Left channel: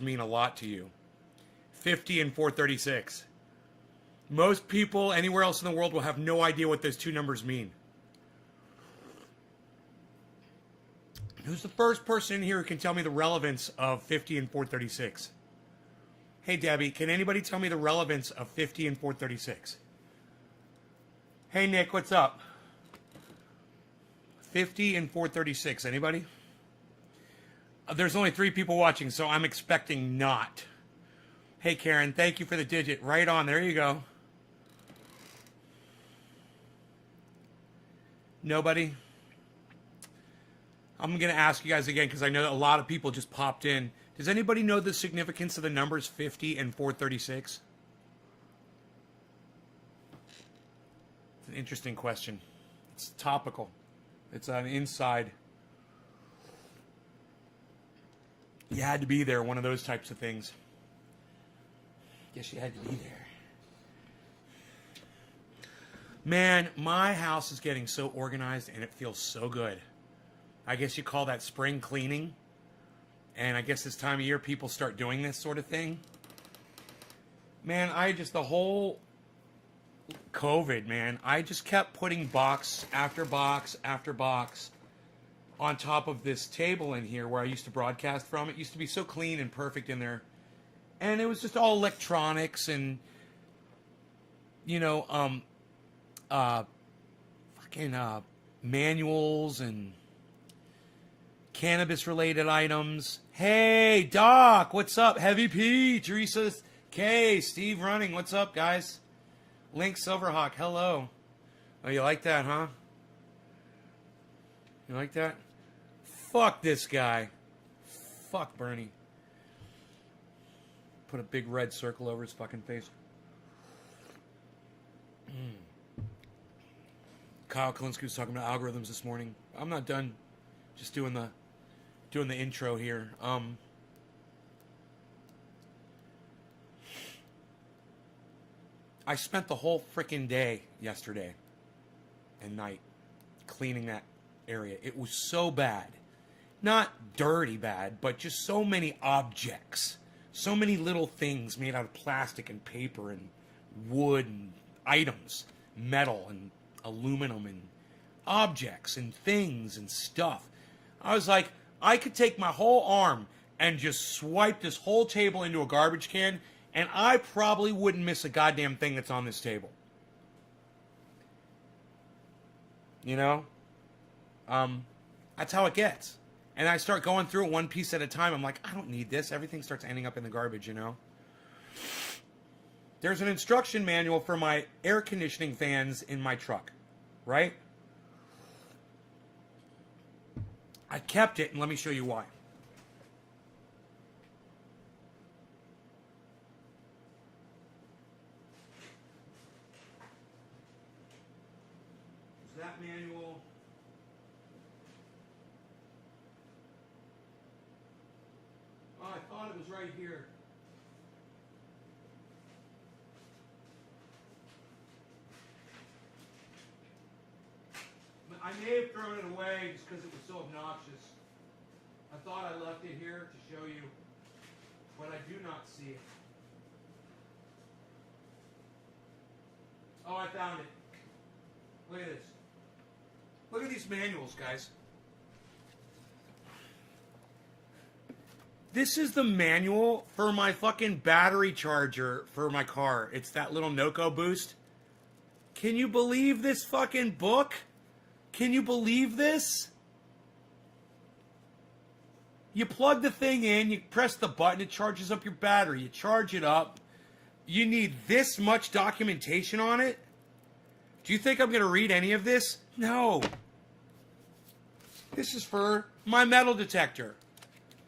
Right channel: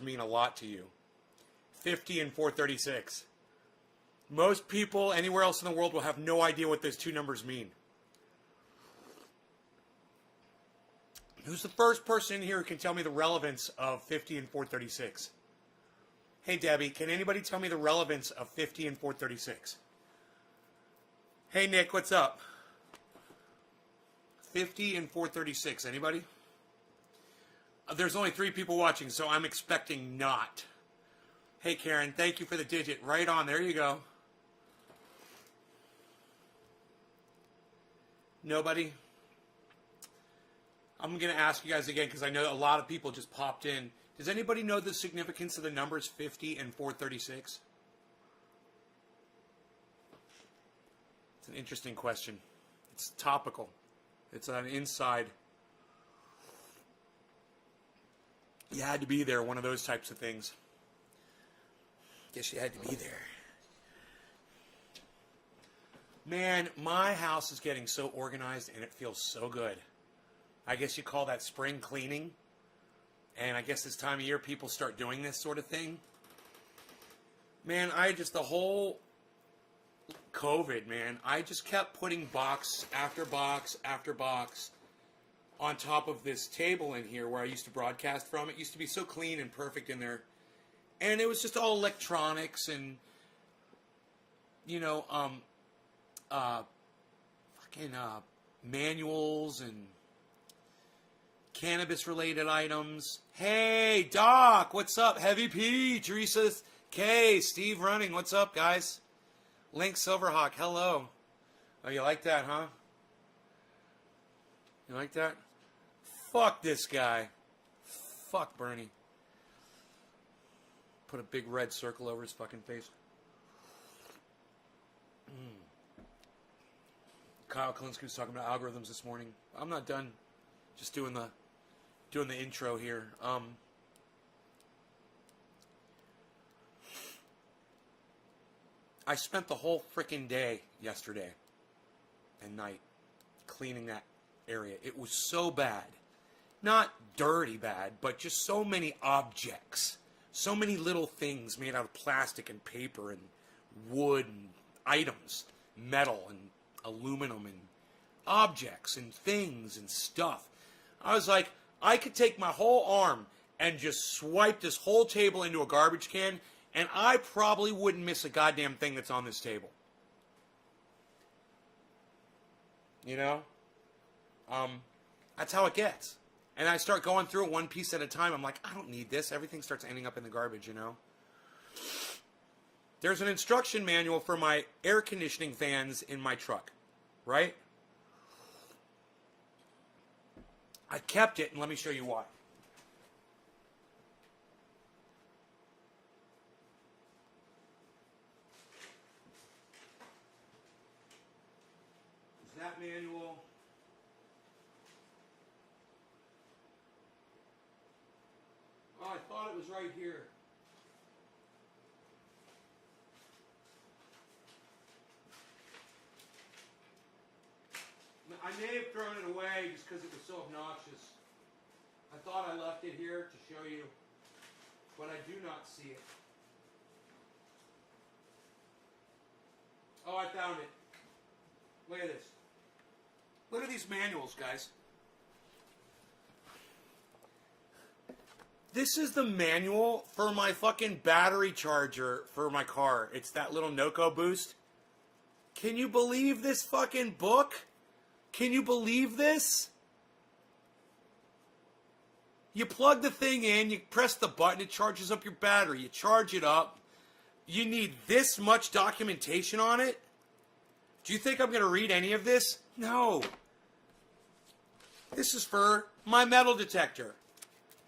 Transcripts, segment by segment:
mean a lot to you. 50 and 436. Most people anywhere else in the world will have no idea what those two numbers mean. Who's the first person in here who can tell me the relevance of 50 and 436? Hey, Debbie, can anybody tell me the relevance of 50 and 436? Hey, Nick, what's up? 50 and 436. Anybody? There's only 3 people watching, so I'm expecting not. Hey, Karen, thank you for the digit. Right on. There you go. Nobody? I'm going to ask you guys again because I know a lot of people just popped in. Does anybody know the significance of the numbers 50 and 436? It's an interesting question. It's topical. It's an inside. You had to be there, one of those types of things. Guess you had to be there. Man, my house is getting so organized and it feels so good. I guess you call that spring cleaning. And I guess this time of year people start doing this sort of thing. Man, the whole COVID, man, I just kept putting box after box after box on top of this table in here where I used to broadcast from. It used to be so clean and perfect in there. And it was just all electronics and, manuals and cannabis-related items. Hey, Doc, what's up? Heavy P, Teresa K, Steve Running, what's up, guys? Link Silverhawk, hello. Oh, you like that, huh? You like that? Fuck this guy. Fuck Bernie. Put a big red circle over his fucking face. Kyle Kalinske was talking about algorithms this morning. I'm not done. Just doing the intro here. I spent the whole freaking day yesterday and night cleaning that area. It was so bad. Not dirty bad, but just so many objects. So many little things made out of plastic and paper and wood and items, metal and aluminum and objects and things and stuff. I was like, I could take my whole arm and just swipe this whole table into a garbage can, and I probably wouldn't miss a goddamn thing that's on this table. You know? That's how it gets. And I start going through it one piece at a time. I'm like, I don't need this. Everything starts ending up in the garbage, you know? There's an instruction manual for my air conditioning fans in my truck, right? I kept it, and let me show you why. Is that manual? Oh, I thought it was right here. I may have thrown it away just because it was so obnoxious. I thought I left it here to show you, but I do not see it. Oh, I found it. Look at this. Look at these manuals, guys. This is the manual for my fucking battery charger for my car. It's that little Noco Boost. Can you believe this fucking book? Can you believe this? You plug the thing in, you press the button, it charges up your battery. You charge it up. You need this much documentation on it? Do you think I'm going to read any of this? No. This is for my metal detector.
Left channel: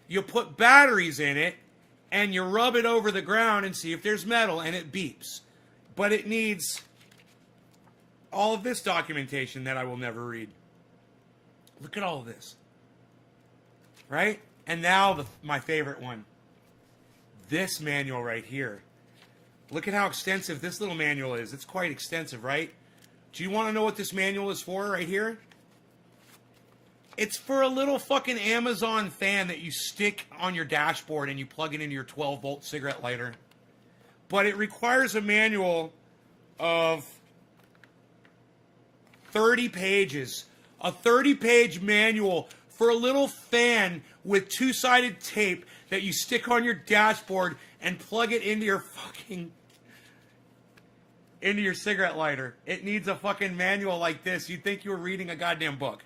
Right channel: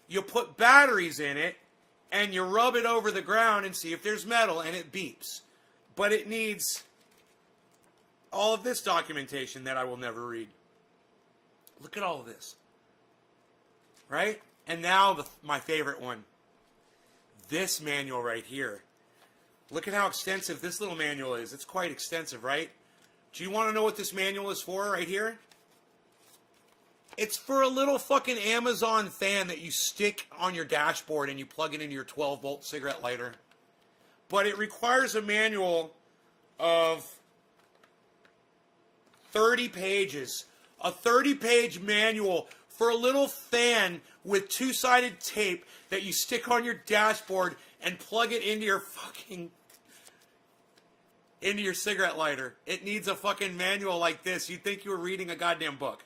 You put batteries in it, and you rub it over the ground and see if there's metal, and it beeps. But it needs all of this documentation that I will never read. Look at all of this. Right? And now my favorite one. This manual right here. Look at how extensive this little manual is. It's quite extensive, right? Do you want to know what this manual is for right here? It's for a little fucking Amazon fan that you stick on your dashboard and you plug it into your 12-volt cigarette lighter. But it requires a manual of 30 pages. A 30-page manual for a little fan with two-sided tape that you stick on your dashboard and plug it into your cigarette lighter. It needs a fucking manual like this. You'd think you were reading a goddamn book.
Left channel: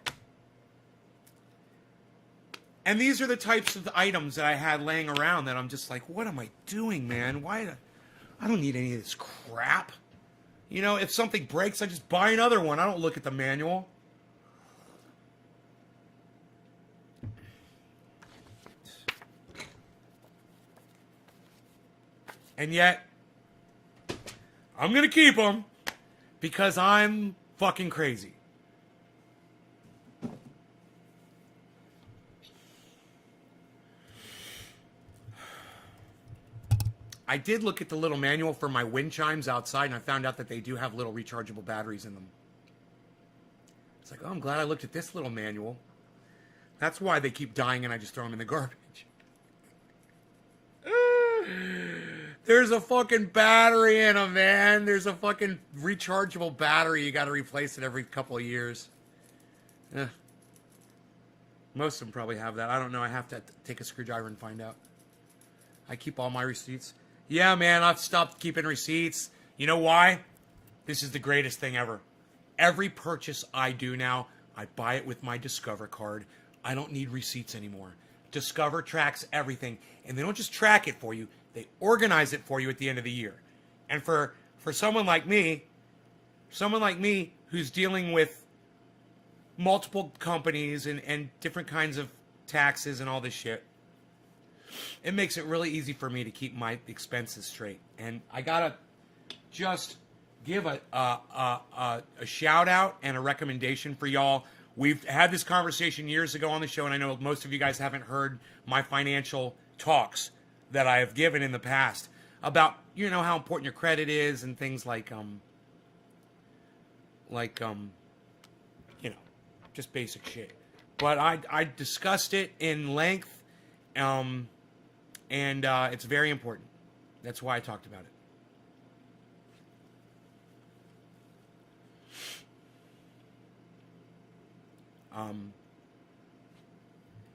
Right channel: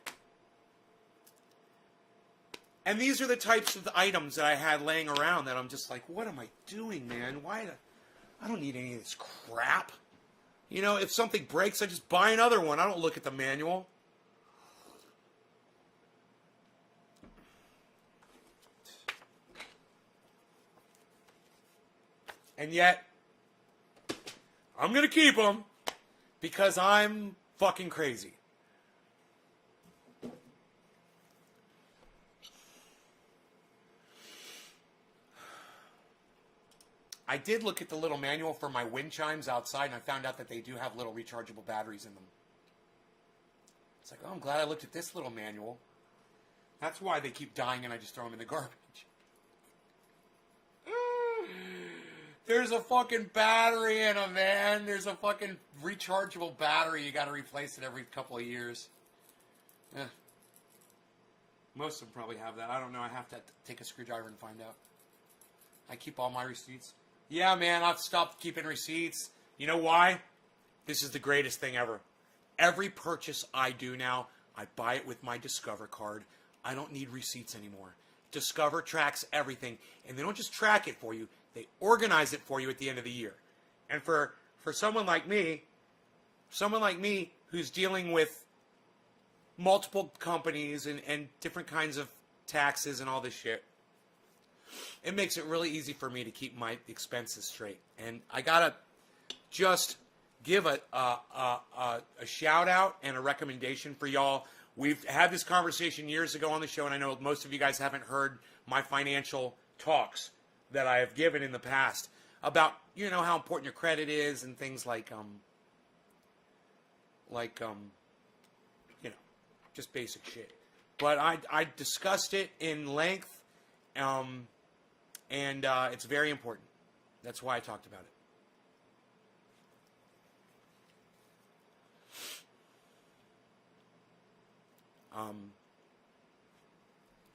And these are the types of items that I had laying around that I'm just like, what am I doing, man? Why? I don't need any of this crap. You know, if something breaks, I just buy another one. I don't look at the manual. And yet, I'm going to keep them because I'm fucking crazy. I did look at the little manual for my wind chimes outside, and I found out that they do have little rechargeable batteries in them. It's like, oh, I'm glad I looked at this little manual. That's why they keep dying and I just throw them in the garbage. There's a fucking battery in them, man. There's a fucking rechargeable battery. You got to replace it every couple of years. Most of them probably have that. I don't know. I have to take a screwdriver and find out. I keep all my receipts. Yeah, man, I've stopped keeping receipts. You know why? This is the greatest thing ever. Every purchase I do now, I buy it with my Discover card. I don't need receipts anymore. Discover tracks everything. And they don't just track it for you. They organize it for you at the end of the year. And for someone like me who's dealing with multiple companies and different kinds of taxes and all this shit, it makes it really easy for me to keep my expenses straight. And I gotta just give a shout out and a recommendation for y'all. We've had this conversation years ago on the show, and I know most of you guys haven't heard my financial talks that I have given in the past about, you know, how important your credit is and things like you know, just basic shit. But I discussed it in length, and it's very important. That's why I talked about it.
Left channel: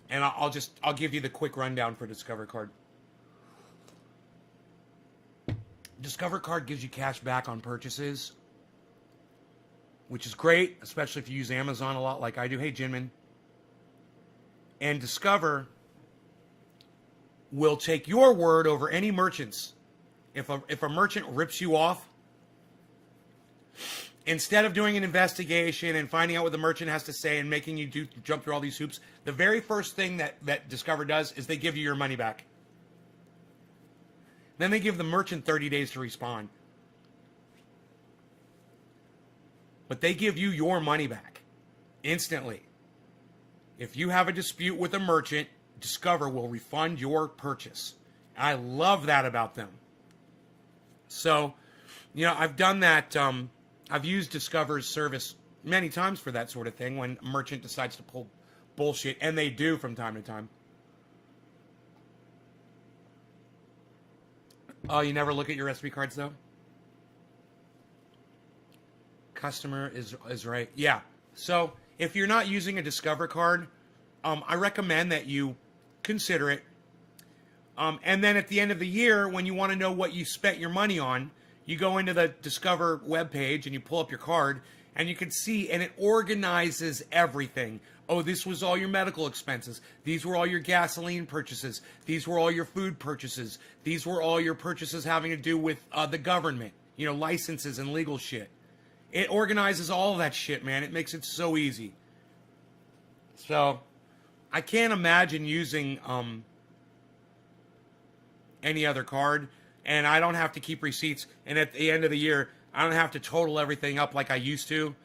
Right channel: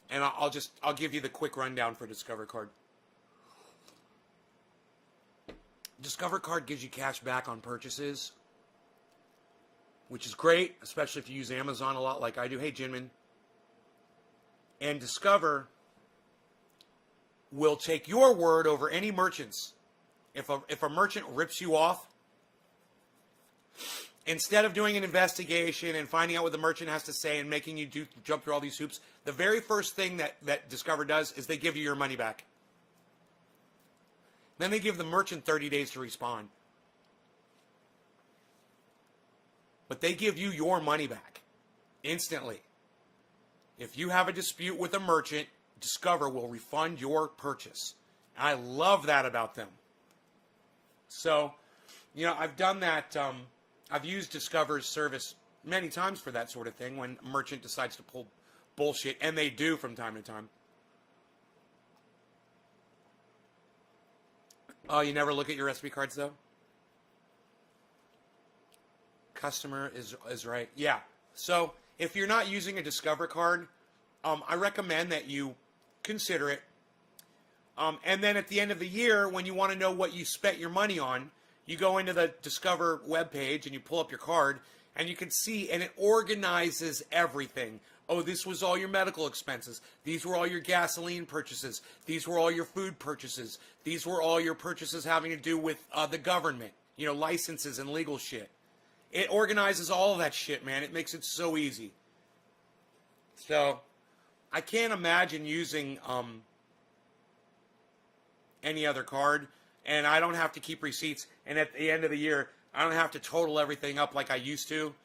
And I'll give you the quick rundown for Discover Card. Discover Card gives you cash back on purchases, which is great, especially if you use Amazon a lot like I do. Hey, Jinmin. And Discover will take your word over any merchants. If a merchant rips you off, instead of doing an investigation and finding out what the merchant has to say and making you jump through all these hoops, the very first thing that Discover does is they give you your money back. Then they give the merchant 30 days to respond. But they give you your money back instantly. If you have a dispute with a merchant, Discover will refund your purchase. I love that about them. So, you know, I've done that. I've used Discover's service many times for that sort of thing when a merchant decides to pull bullshit, and they do from time to time. Oh, you never look at your recipe cards, though? Customer is right. Yeah. So, if you're not using a Discover card, I recommend that you consider it. And then at the end of the year, when you want to know what you spent your money on, you go into the Discover webpage and you pull up your card, and you can see, and it organizes everything. Oh, this was all your medical expenses. These were all your gasoline purchases. These were all your food purchases. These were all your purchases having to do with the government, you know, licenses and legal shit. It organizes all of that shit, man. It makes it so easy. So, I can't imagine using any other card, and I don't have to keep receipts. And at the end of the year, I don't have to total everything up like I used to,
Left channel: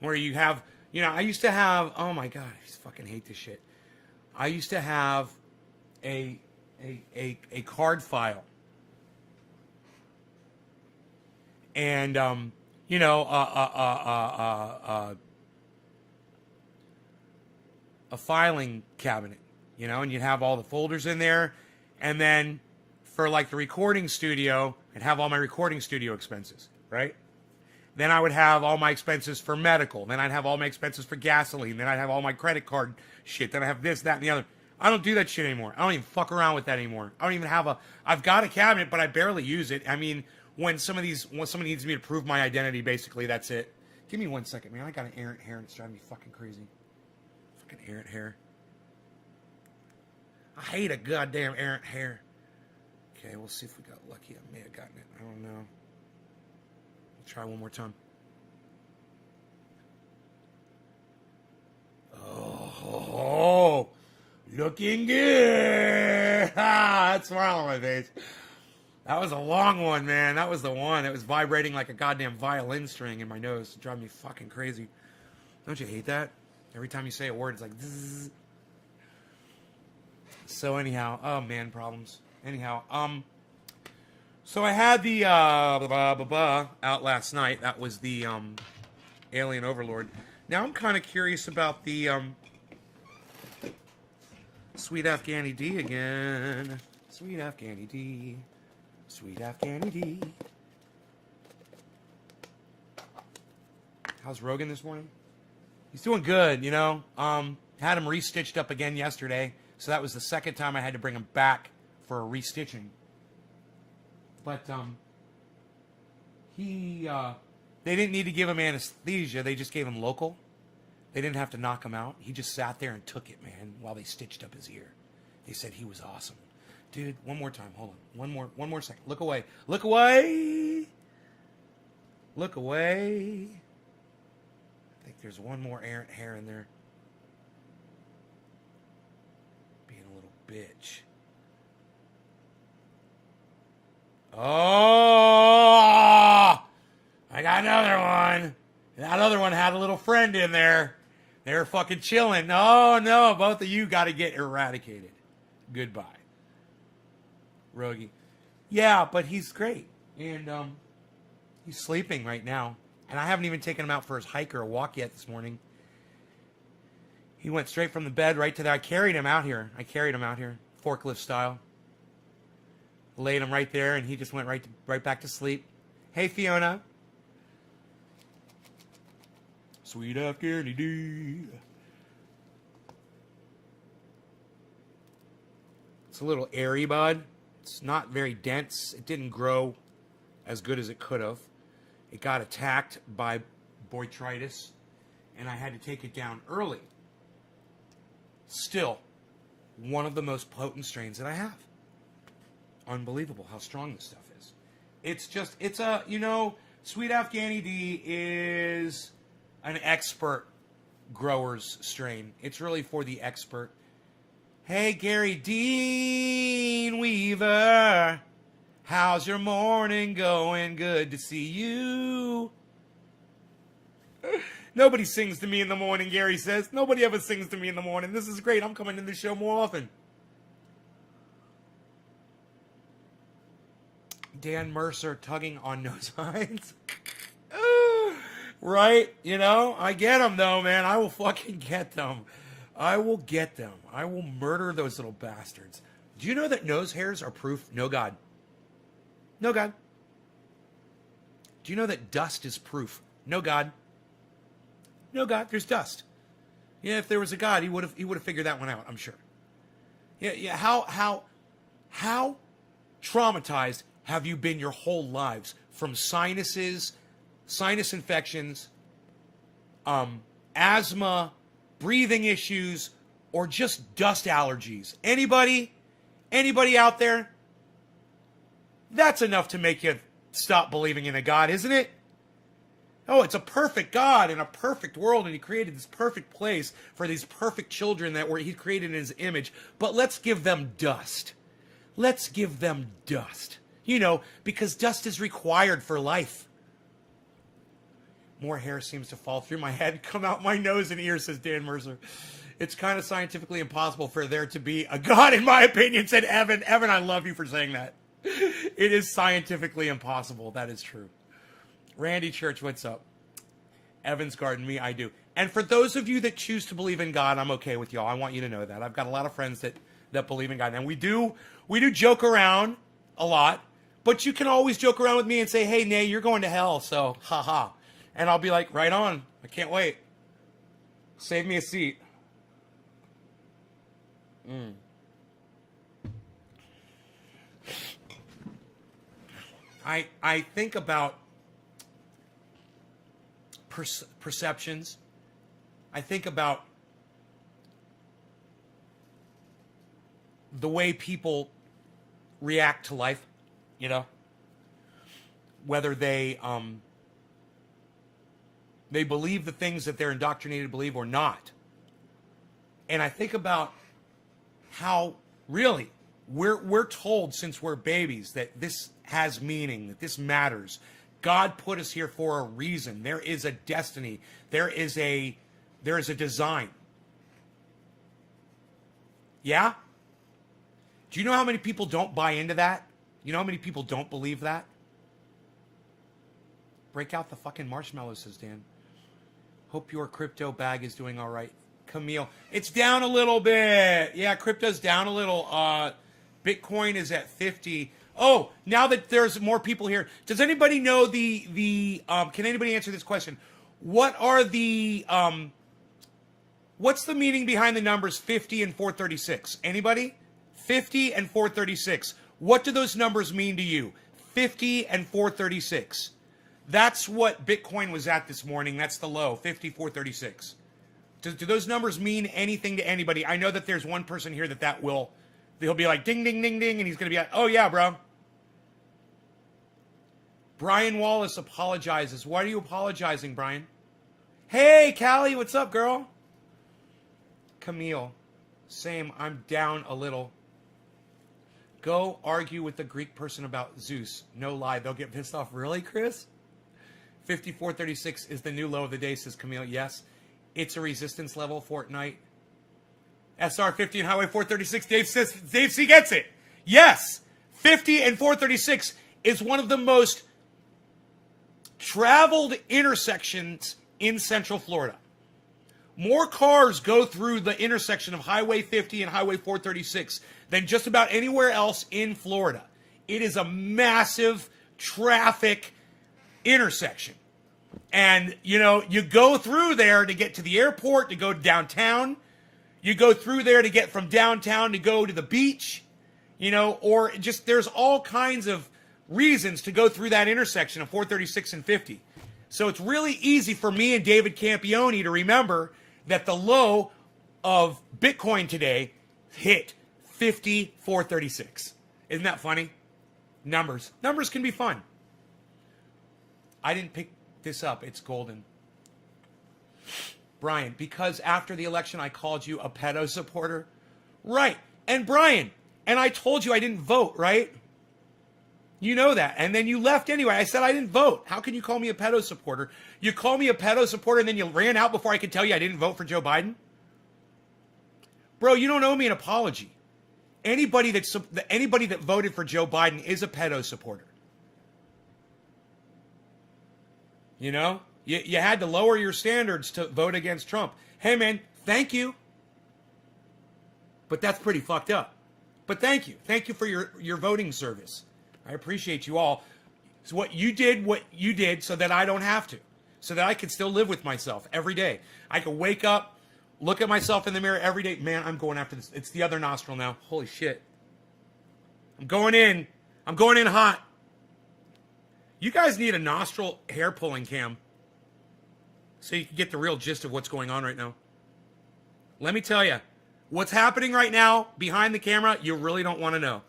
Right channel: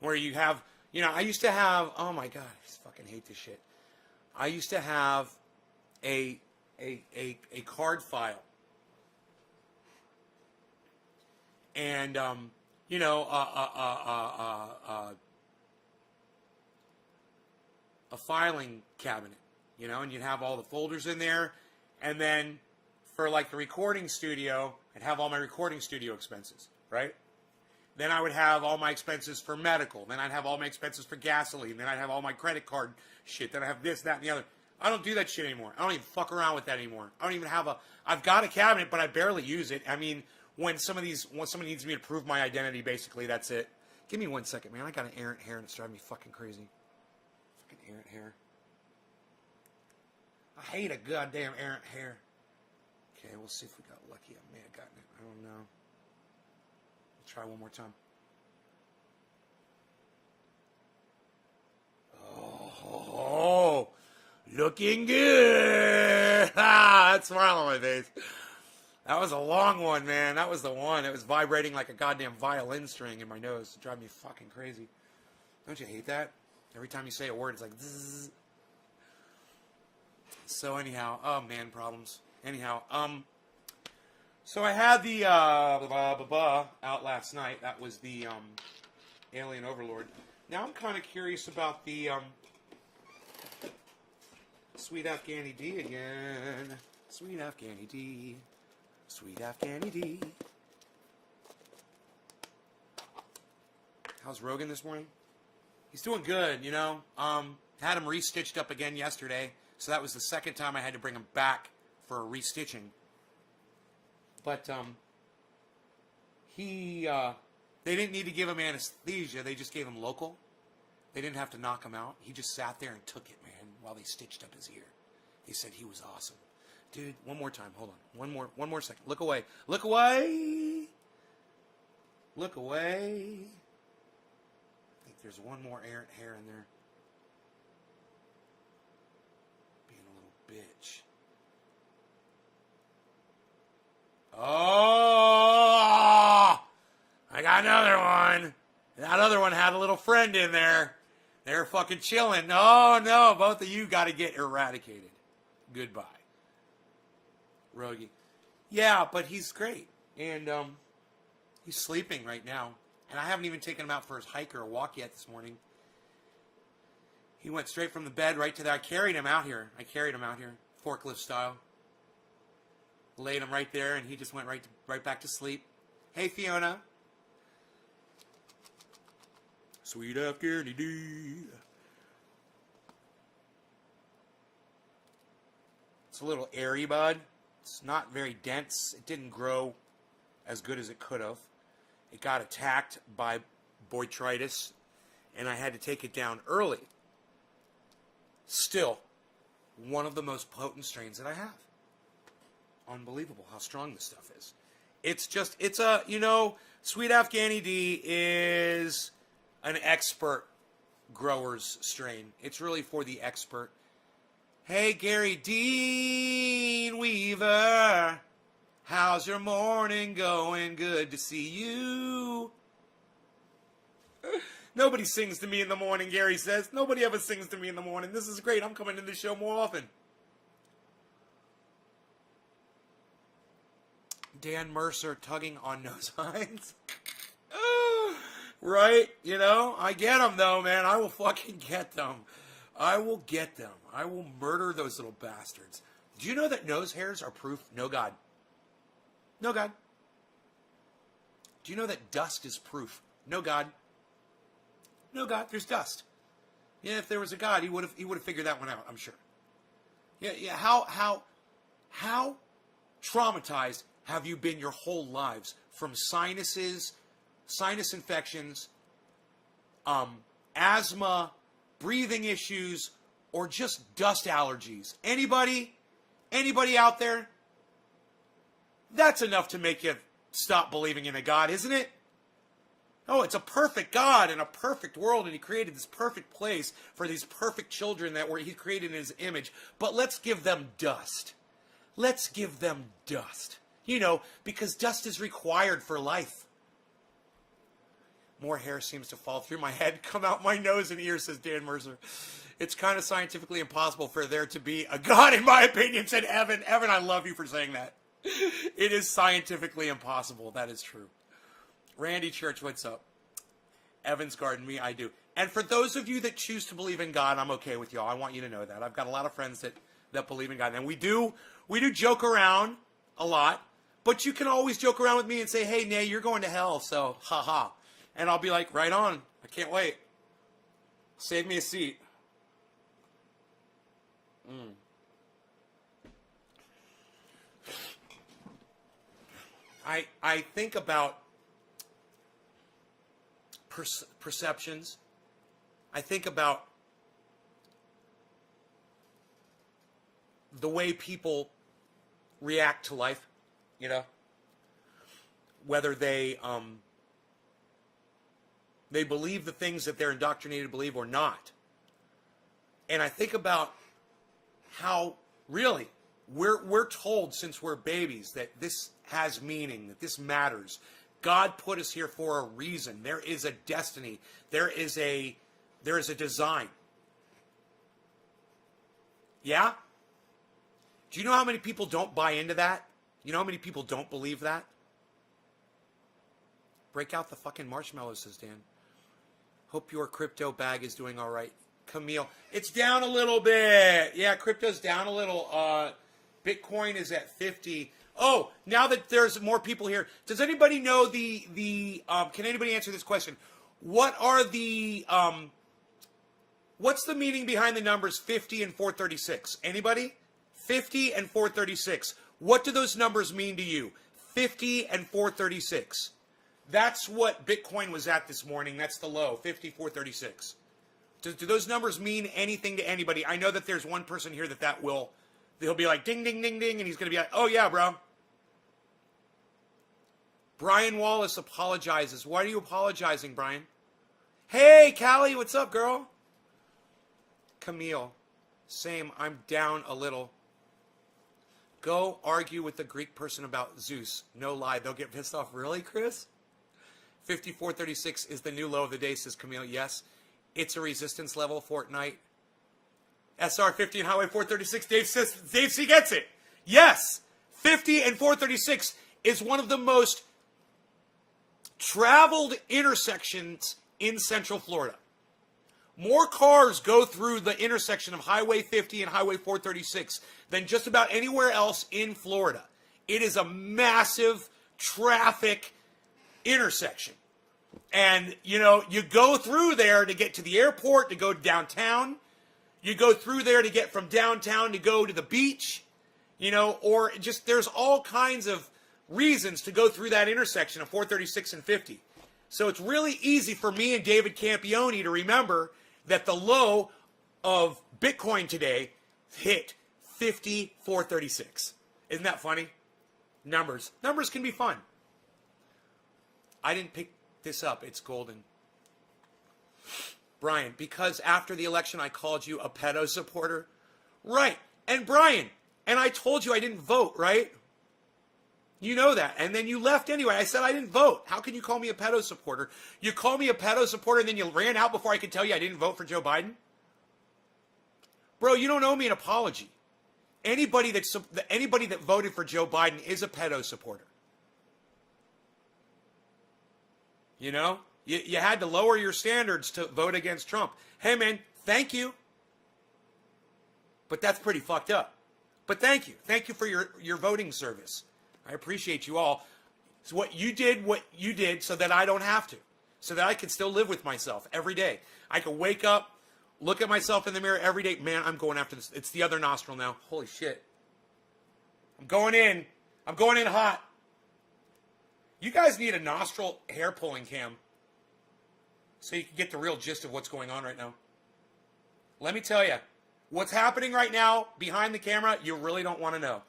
where you have, you know, I used to have, oh my God, I fucking hate this shit. I used to have a card file. And, you know, a filing cabinet, you know, and you'd have all the folders in there. And then for like the recording studio, I'd have all my recording studio expenses, right? Then I would have all my expenses for medical. Then I'd have all my expenses for gasoline. Then I'd have all my credit card shit. Then I have this, that, and the other. I don't do that shit anymore. I don't even fuck around with that anymore. I don't even have I've got a cabinet, but I barely use it. I mean, when somebody needs me to prove my identity, basically, that's it. Give me 1 second, man. I got an errant hair and it's driving me fucking crazy. Fucking errant hair. I hate a goddamn errant hair. Okay, we'll see if we got lucky. I may have gotten it. I don't know. We'll try one more time. Oh, looking good. That smile on my face. That was a long one, man. That was the one. It was vibrating like a goddamn violin string in my nose. It drives me fucking crazy. Don't you hate that? Every time you say a word, it's like zzz. So anyhow, oh man, problems. Anyhow, so I had the out last night. That was the Alien Overlord. Now I'm kind of curious about the Sweet Afghani D again. Sweet Afghani D. Sweet Afghani D. How's Rogan this morning? He's doing good, you know. Had him restitched up again yesterday. So that was the second time I had to bring him back for a restitching. But they didn't need to give him anesthesia. They just gave him local. They didn't have to knock him out. He just sat there and took it, man, while they stitched up his ear. They said he was awesome. Dude, one more time. Hold on. One more second. Look away. Look away. Look away. I think there's one more errant hair in there. Being a little bitch. Oh! I got another one. That other one had a little friend in there. They're fucking chilling. Oh, no. Both of you got to get eradicated. Goodbye. Rogie. Yeah, but he's great. And he's sleeping right now. And I haven't even taken him out for his hike or a walk yet this morning. He went straight from the bed right to that. I carried him out here. Forklift style. Laid him right there, and he just went right back to sleep. Hey, Fiona. Sweet Afghani D. It's a little airy, bud. It's not very dense. It didn't grow as good as it could have. It got attacked by botrytis, and I had to take it down early. Still, one of the most potent strains that I have. Unbelievable how strong this stuff is. It's a, you know, Sweet Afghani D is an expert grower's strain. It's really for the expert. Hey, Gary Dean Weaver. How's your morning going? Good to see you. Nobody sings to me in the morning, Gary says. Nobody ever sings to me in the morning. This is great. I'm coming in the show more often. Dan Mercer tugging on nose hines. Right? You know, I get them though, man. I will fucking get them. I will get them. I will murder those little bastards. Do you know that nose hairs are proof? No God. No God. Do you know that dust is proof? No God. No God. There's dust. Yeah, if there was a God, he would have figured that one out, I'm sure. Yeah. How traumatized have you been your whole lives from sinuses, sinus infections, asthma, breathing issues, or just dust allergies? Anybody out there? That's enough to make you stop believing in a God, isn't it? Oh, it's a perfect God in a perfect world, and he created this perfect place for these perfect children that he created in his image. But let's give them dust. Let's give them dust. You know, because dust is required for life. More hair seems to fall through my head, come out my nose and ears, says Dan Mercer. It's kind of scientifically impossible for there to be a God, in my opinion, said Evan. Evan, I love you for saying that. It is scientifically impossible. That is true. Randy Church, what's up? Evan's Garden, me, I do. And for those of you that choose to believe in God, I'm okay with y'all. I want you to know that. I've got a lot of friends that believe in God. And we do joke around a lot, but you can always joke around with me and say, hey, Nay, you're going to hell, so haha. And I'll be like, right on. I can't wait. Save me a seat. I think about perceptions. I think about the way people react to life, you know, whether they believe the things that they're indoctrinated to believe or not. And I think about how really we're told since we're babies that this has meaning, that this matters. God put us here for a reason. There is a destiny. There is a design. Yeah? Do you know how many people don't buy into that? You know how many people don't believe that? Break out the fucking marshmallows, says Dan. Hope your crypto bag is doing all right. Camille, it's down a little bit. Yeah, crypto's down a little. Bitcoin is at 50. Oh, now that there's more people here, does anybody know can anybody answer this question? What are what's the meaning behind the numbers 50 and 436? Anybody? 50 and 436. What do those numbers mean to you? 50 and 436. That's what Bitcoin was at this morning. That's the low, 50, 436. Do those numbers mean anything to anybody? I know that there's one person here he'll be like, ding, ding, ding, ding, and he's going to be like, oh, yeah, bro. Brian Wallace apologizes. Why are you apologizing, Brian? Hey, Callie, what's up, girl? Camille, same, I'm down a little. Go argue with the Greek person about Zeus. No lie, they'll get pissed off. Really, Chris? 5436 is the new low of the day, says Camille. Yes, it's a resistance level, Fortnite. SR50 and Highway 436. Dave C gets it. Yes, 50 and 436 is one of the most traveled intersections in Central Florida. More cars go through the intersection of Highway 50 and Highway 436 than just about anywhere else in Florida. It is a massive traffic intersection. And, you know, you go through there to get to the airport, to go downtown. You go through there to get from downtown to go to the beach, you know, or just there's all kinds of reasons to go through that intersection of 436 and 50. So it's really easy for me and David Campione to remember that the low of Bitcoin today hit 5436. Isn't that funny? Numbers can be fun. I didn't pick this up. It's golden. Brian, because after the election I called you a pedo supporter. Right. And Brian, and I told you I didn't vote, right? You know that. And then you left anyway. I said I didn't vote. How can you call me a pedo supporter? You call me a pedo supporter and then you ran out before I could tell you I didn't vote for Joe Biden? Bro, you don't owe me an apology. Anybody that voted for Joe Biden is a pedo supporter. You know? You had to lower your standards to vote against Trump. Hey, man, thank you. But that's pretty fucked up. But thank you. Thank you for your voting service. I appreciate you all. So what you did so that I don't have to. So that I can still live with myself every day. I can wake up, look at myself in the mirror every day. Man, I'm going after this. It's the other nostril now. Holy shit. I'm going in. I'm going in hot. You guys need a nostril hair pulling cam. So you can get the real gist of what's going on right now. Let me tell you, what's happening right now behind the camera, you really don't want to know.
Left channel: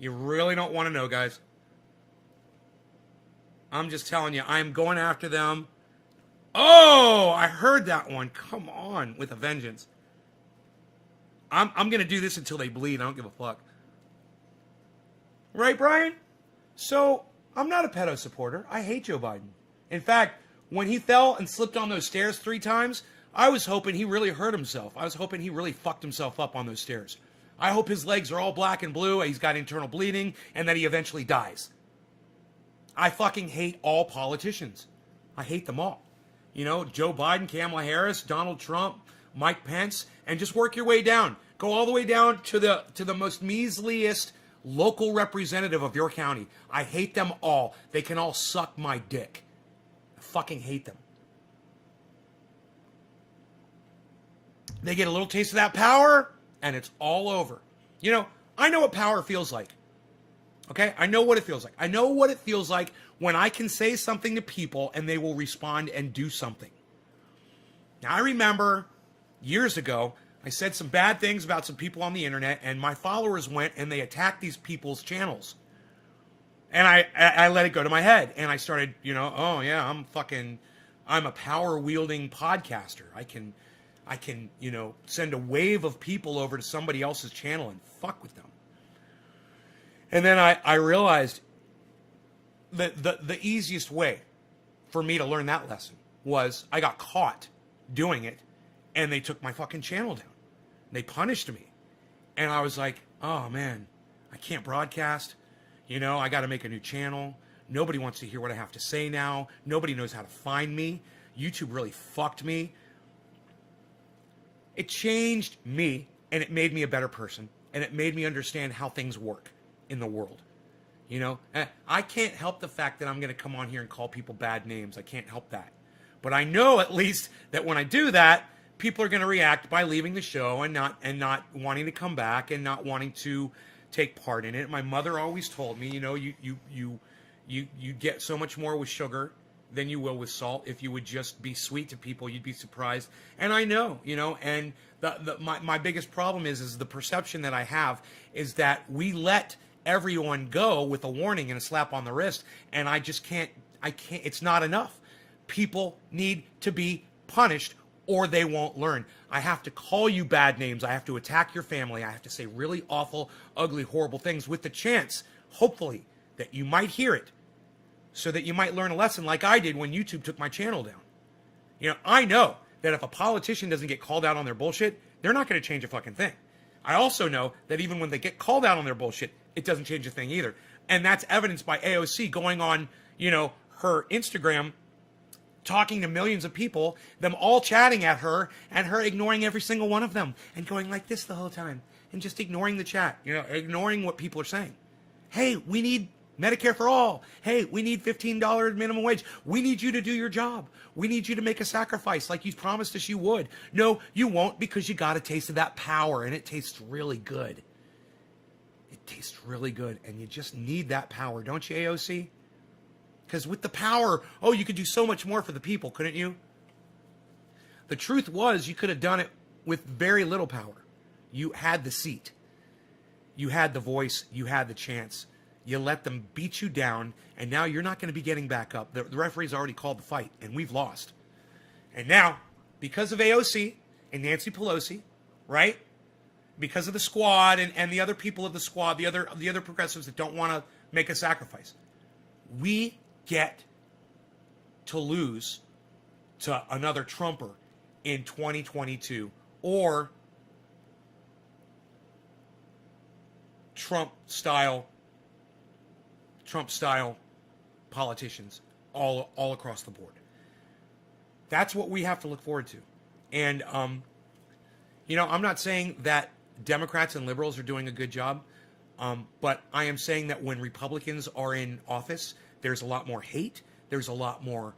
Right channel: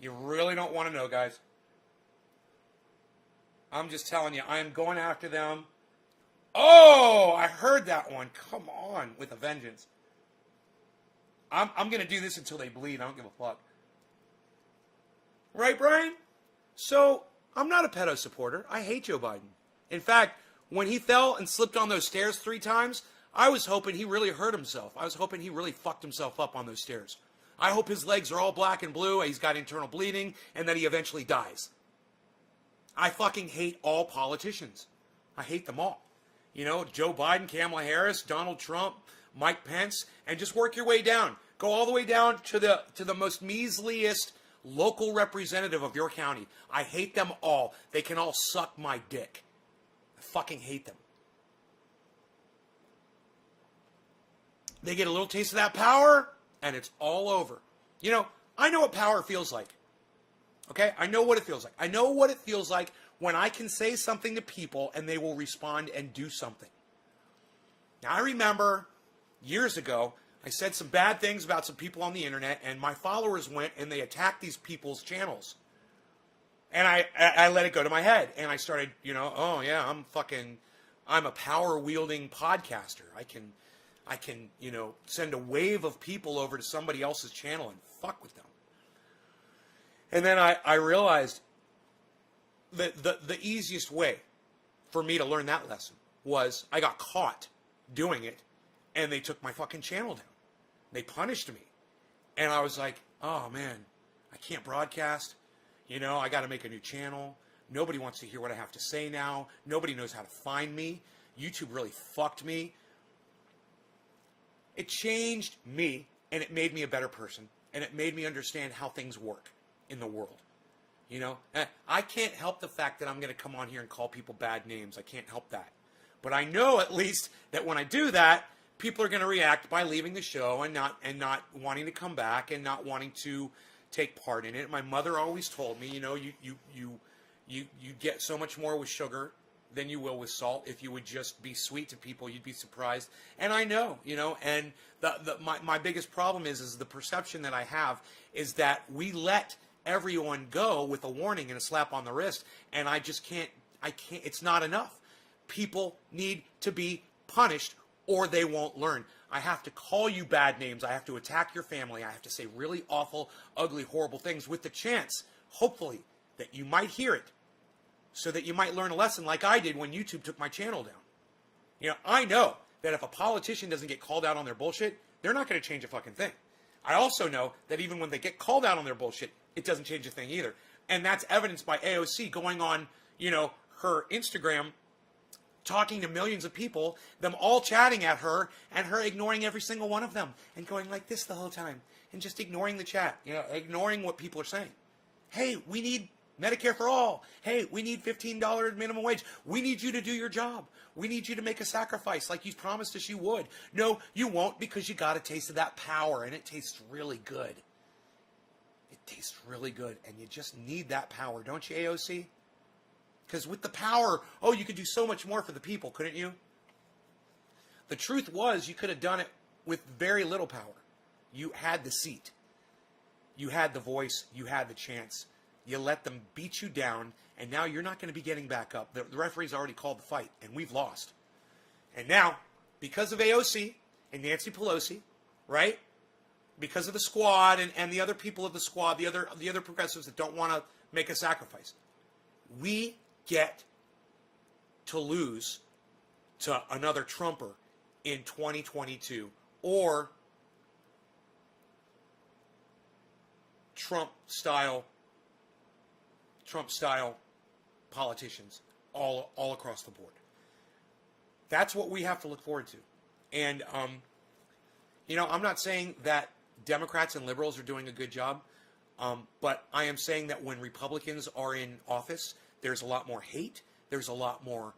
You really don't want to know, guys. I'm just telling you, I'm going after them. Oh, I heard that one. Come on, with a vengeance. I'm going to do this until they bleed. I don't give a fuck. Right, Brian? So, I'm not a pedo supporter. I hate Joe Biden. In fact, when he fell and slipped on those stairs 3 times, I was hoping he really hurt himself. I was hoping he really fucked himself up on those stairs. I hope his legs are all black and blue, he's got internal bleeding, and that he eventually dies. I fucking hate all politicians. I hate them all. You know, Joe Biden, Kamala Harris, Donald Trump, Mike Pence, and just work your way down. Go all the way down to the most measliest local representative of your county. I hate them all. They can all suck my dick. I fucking hate them. They get a little taste of that power, and it's all over. You know, I know what power feels like. Okay? I know what it feels like. I know what it feels like when I can say something to people and they will respond and do something. Now, I remember years ago, I said some bad things about some people on the internet, and my followers went and they attacked these people's channels. And I let it go to my head, and I started, you know, oh yeah, I'm a power-wielding podcaster. I can, you know, send a wave of people over to somebody else's channel and fuck with them. And then I realized that the easiest way for me to learn that lesson was I got caught doing it, and they took my fucking channel down. They punished me. And I was like, oh man, I can't broadcast. You know, I got to make a new channel. Nobody wants to hear what I have to say now. Nobody knows how to find me. YouTube really fucked me. It changed me, and it made me a better person, and it made me understand how things work in the world. You know, I can't help the fact that I'm going to come on here and call people bad names. I can't help that. But I know at least that when I do that, people are going to react by leaving the show and not wanting to come back and not wanting to take part in it. My mother always told me, you know, you get so much more with sugar than you will with salt. If you would just be sweet to people, you'd be surprised. And I know, you know, and my biggest problem is the perception that I have is that we let everyone go with a warning and a slap on the wrist, and I can't, it's not enough. People need to be punished or they won't learn. I have to call you bad names. I have to attack your family. I have to say really awful, ugly, horrible things with the chance, hopefully, that you might hear it so that you might learn a lesson like I did when YouTube took my channel down. You know, I know that if a politician doesn't get called out on their bullshit, they're not going to change a fucking thing. I also know that even when they get called out on their bullshit, it doesn't change a thing either. And that's evidenced by AOC going on, you know, her Instagram, talking to millions of people, them all chatting at her, and her ignoring every single one of them, and going like this the whole time, and just ignoring the chat, you know, ignoring what people are saying. Hey, we need Medicare for all. Hey, we need $15 minimum wage. We need you to do your job. We need you to make a sacrifice like you promised us you would. No, you won't, because you got a taste of that power, and it tastes really good. It tastes really good, and you just need that power, don't you, AOC? Because with the power, oh, you could do so much more for the people, couldn't you? The truth was, you could have done it with very little power. You had the seat. You had the voice. You had the chance. You let them beat you down, and now you're not going to be getting back up. The referee's already called the fight, and we've lost. And now, because of AOC and Nancy Pelosi, right? Because of the squad and the other people of the squad, the other progressives that don't want to make a sacrifice, we get to lose to another Trumper in 2022 or Trump style politicians all across the board. That's what we have to look forward to. And you know, I'm not saying that Democrats and liberals are doing a good job, but I am saying that when Republicans are in office, there's a lot more hate. There's a lot more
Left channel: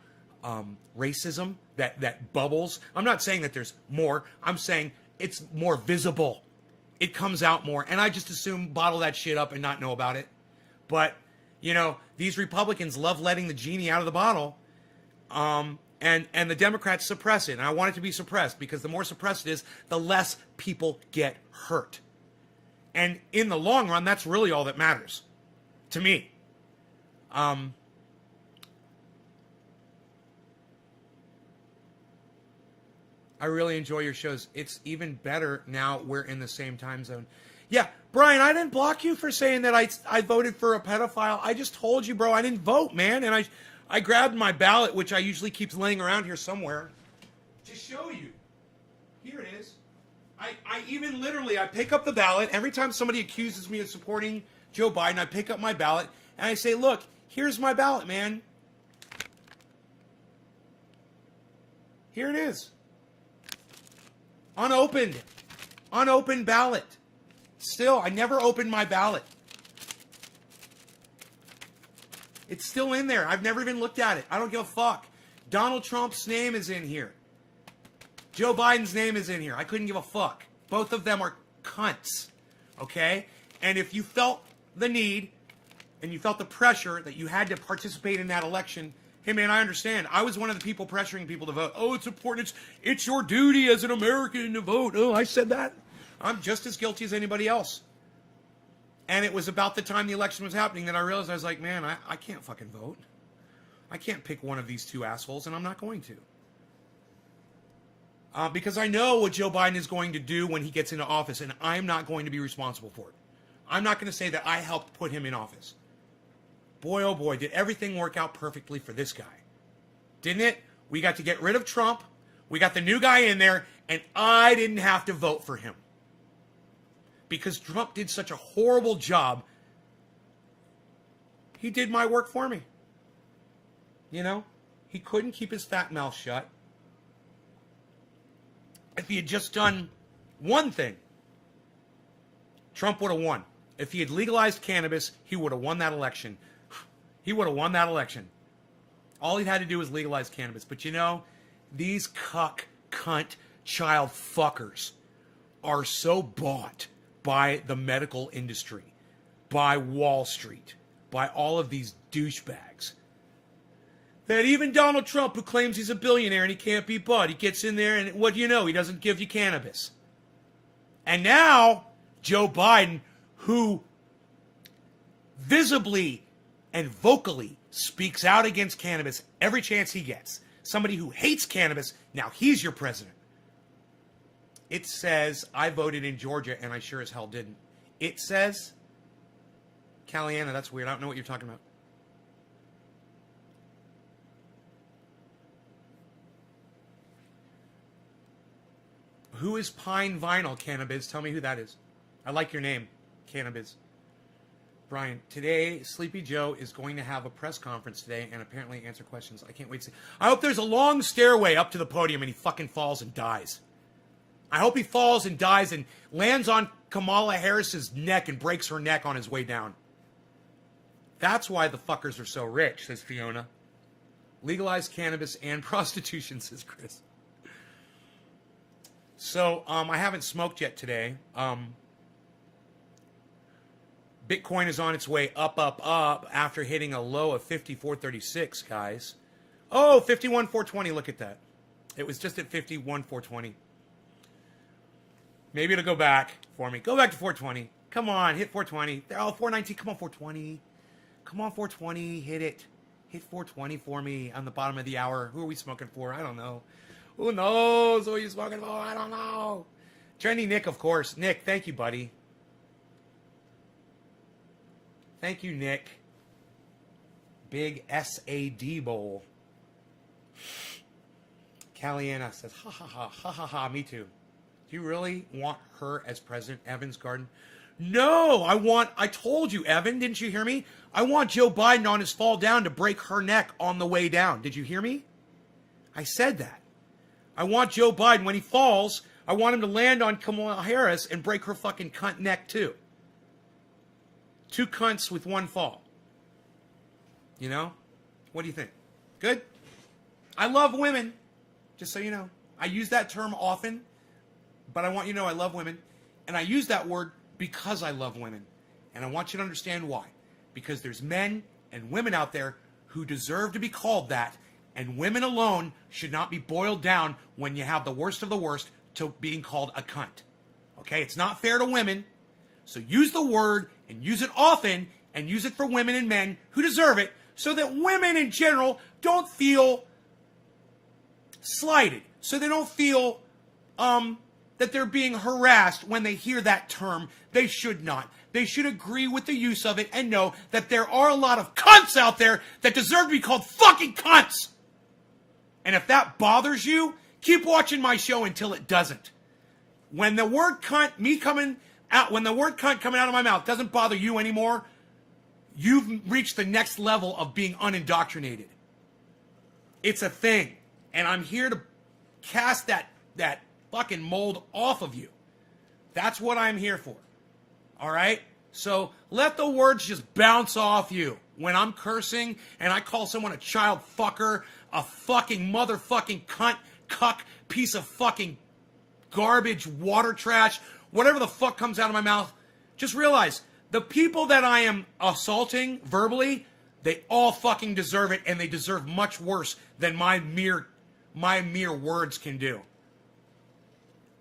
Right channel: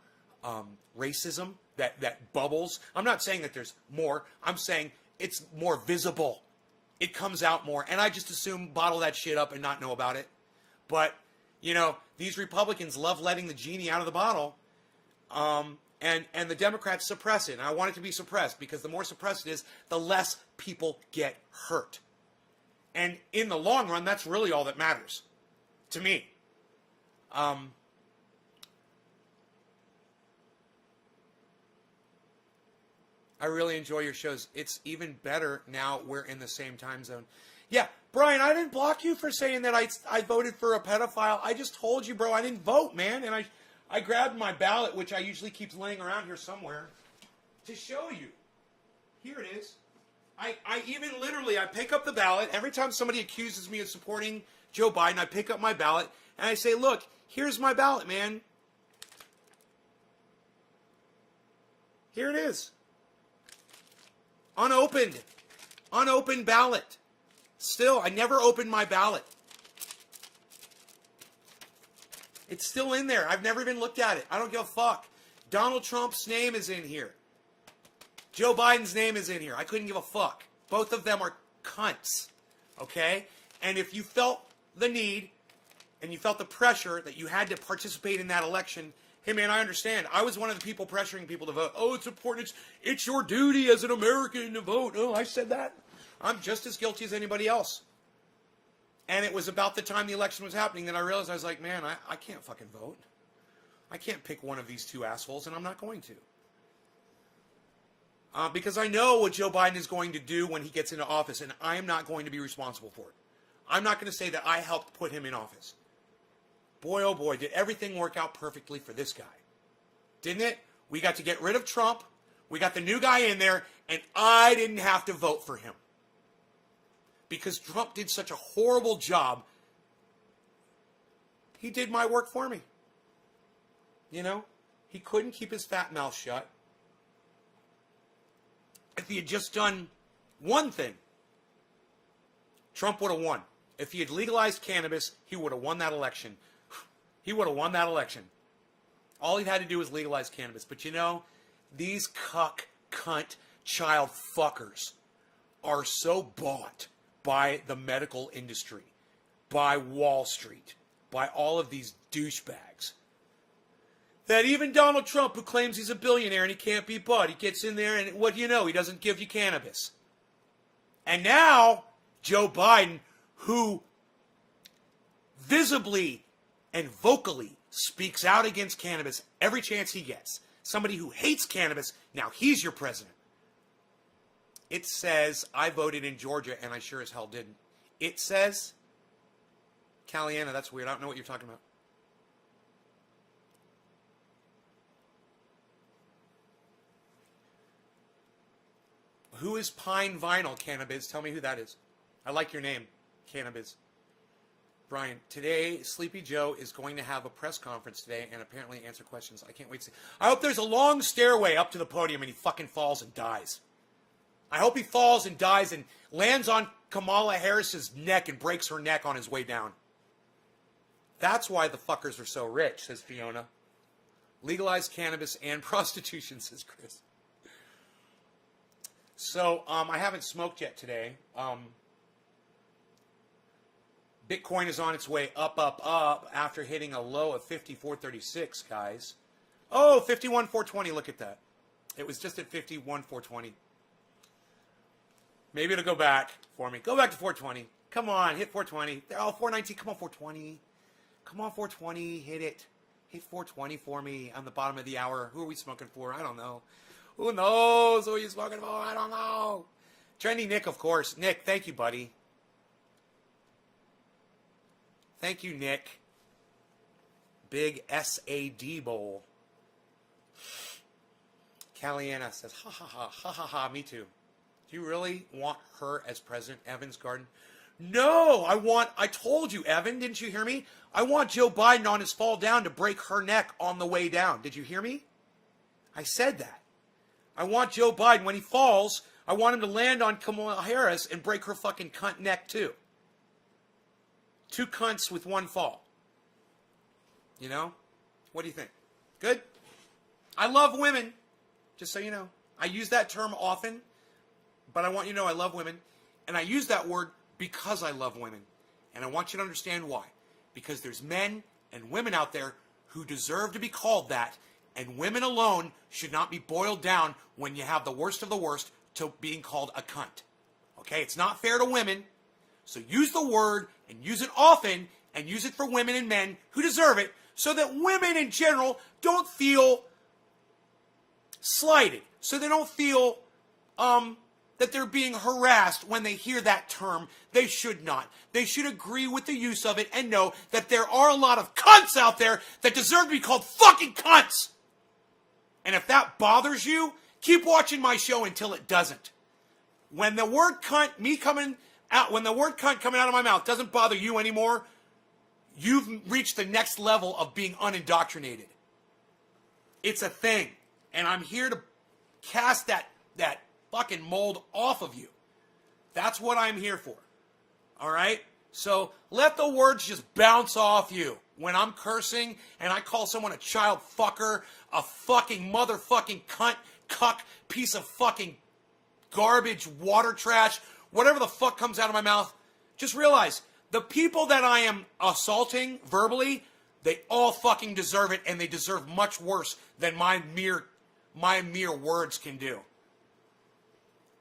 racism that bubbles. I'm not saying that there's more. I'm saying it's more visible. It comes out more. And I just assume bottle that shit up and not know about it. But, you know, these Republicans love letting the genie out of the bottle. And the Democrats suppress it. And I want it to be suppressed, because the more suppressed it is, the less people get hurt. And in the long run, that's really all that matters to me. I really enjoy your shows. It's even better now we're in the same time zone. Yeah, Brian, I didn't block you for saying that I voted for a pedophile. I just told you, bro, I didn't vote, man. And I grabbed my ballot, which I usually keep laying around here somewhere, to show you. Here it is. I even literally, I pick up the ballot. Every time somebody accuses me of supporting Joe Biden, I pick up my ballot and I say, look, here's my ballot, man. Here it is. Unopened. Unopened ballot. Still, I never opened my ballot. It's still in there. I've never even looked at it. I don't give a fuck. Donald Trump's name is in here. Joe Biden's name is in here. I couldn't give a fuck. Both of them are cunts. Okay? And if you felt the need and you felt the pressure that you had to participate in that election, hey man, I understand. I was one of the people pressuring people to vote. Oh, it's important. It's your duty as an American to vote. Oh, I said that. I'm just as guilty as anybody else. And it was about the time the election was happening that I realized, I was like, man, I can't fucking vote. I can't pick one of these two assholes, and I'm not going to. Because I know what Joe Biden is going to do when he gets into office, and I'm not going to be responsible for it. I'm not going to say that I helped put him in office. Boy, oh boy, did everything work out perfectly for this guy. Didn't it? We got to get rid of Trump. We got the new guy in there, and I didn't have to vote for him. Because Trump did such a horrible job. He did my work for me. You know? He couldn't keep his fat mouth shut. If he had just done one thing, Trump would have won. If he had legalized cannabis, he would have won that election. He would have won that election. All he had to do was legalize cannabis. But you know, these cunt, child fuckers are so bought by the medical industry, by Wall Street, by all of these douchebags, that even Donald Trump, who claims he's a billionaire and he can't be bought, he gets in there and what do you know? He doesn't give you cannabis. And now, Joe Biden, who visibly and vocally speaks out against cannabis every chance he gets, somebody who hates cannabis, now he's your president. It says, I voted in Georgia and I sure as hell didn't. It says, Caliana, that's weird. I don't know what you're talking about. Who is Pine Vinyl, Cannabis? Tell me who that is. I like your name, Cannabis. Brian, today, Sleepy Joe is going to have a press conference today and apparently answer questions. I can't wait to see. I hope there's a long stairway up to the podium and he fucking falls and dies. I hope he falls and dies and lands on Kamala Harris's neck and breaks her neck on his way down. That's why the fuckers are so rich, says Fiona. Legalize cannabis and prostitution, says Chris. So, I haven't smoked yet today. Bitcoin is on its way up after hitting a low of 54.36, guys. Oh, 51.420, look at that. It was just at 51.420. Maybe it'll go back for me. Go back to 420. Come on, hit 420. Oh, 419. Come on, 420. Come on, 420. Hit it. Hit 420 for me on the bottom of the hour. Who are we smoking for? I don't know. Who knows who are you smoking for? I don't know. Trendy Nick, of course. Nick, thank you, buddy. Thank you, Nick. Big SAD bowl. Caliana says, ha ha ha, ha ha ha, me too. Do you really want her as President Evan's garden? No, I told you, Evan, didn't you hear me? I want Joe Biden on his fall down to break her neck on the way down. Did you hear me? I said that. I want Joe Biden, when he falls, I want him to land on Kamala Harris and break her fucking cunt neck too. 2 cunts with 1 fall. You know? What do you think? Good? I love women, just so you know. I use that term often, but I want you to know I love women. And I use that word because I love women. And I want you to understand why. Because there's men and women out there who deserve to be called that, and women alone should not be boiled down when you have the worst of the worst to being called a cunt. Okay? It's not fair to women. So use the word and use it often and use it for women and men who deserve it so that women in general don't feel slighted. So they don't feel that they're being harassed when they hear that term. They should not. They should agree with the use of it and know that there are a lot of cunts out there that deserve to be called fucking cunts. And if that bothers you, keep watching my show until it doesn't. When the word cunt, when the word cunt coming out of my mouth doesn't bother you anymore, you've reached the next level of being unindoctrinated. It's a thing. And I'm here to cast that fucking mold off of you. That's what I'm here for. All right? So let the words just bounce off you. When I'm cursing and I call someone a child fucker, a fucking motherfucking cunt, cuck, piece of fucking garbage, water trash, whatever the fuck comes out of my mouth, just realize the people that I am assaulting verbally, they all fucking deserve it, and they deserve much worse than my mere words can do.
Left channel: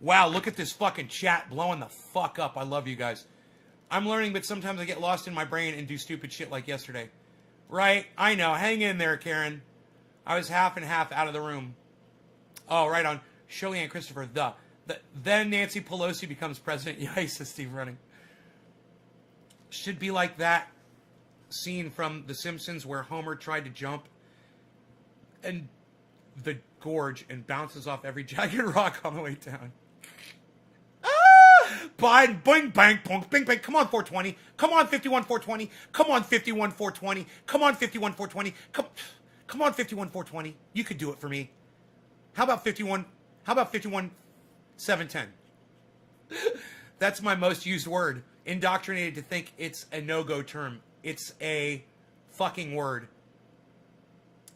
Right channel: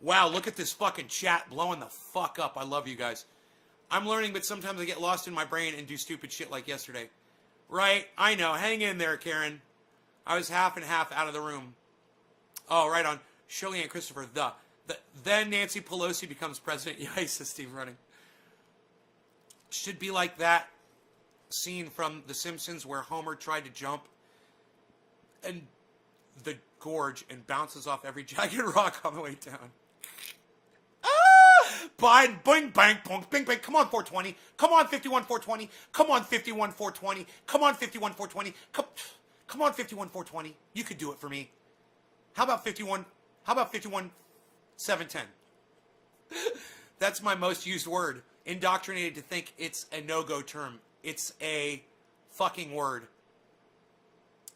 Wow, look at this fucking chat blowing the fuck up. I love you guys. I'm learning, but sometimes I get lost in my brain and do stupid shit like yesterday. Right? I know. Hang in there, Karen. I was half and half out of the room. Oh, right on. Shirley and Christopher, then Nancy Pelosi becomes president. Yeah, says Steve Running. Should be like that scene from The Simpsons where Homer tried to jump and the gorge and bounces off every jagged rock on the way down. Biden, bing, bang, punk, bing, bang. Come on, 420. Come on, 51, 420. Come on, 51, 420. Come on, 51, 420. Come on, 51, 420. You could do it for me. How about 51? How about 51, 710? That's my most used word. Indoctrinated to think it's a no-go term. It's a fucking word.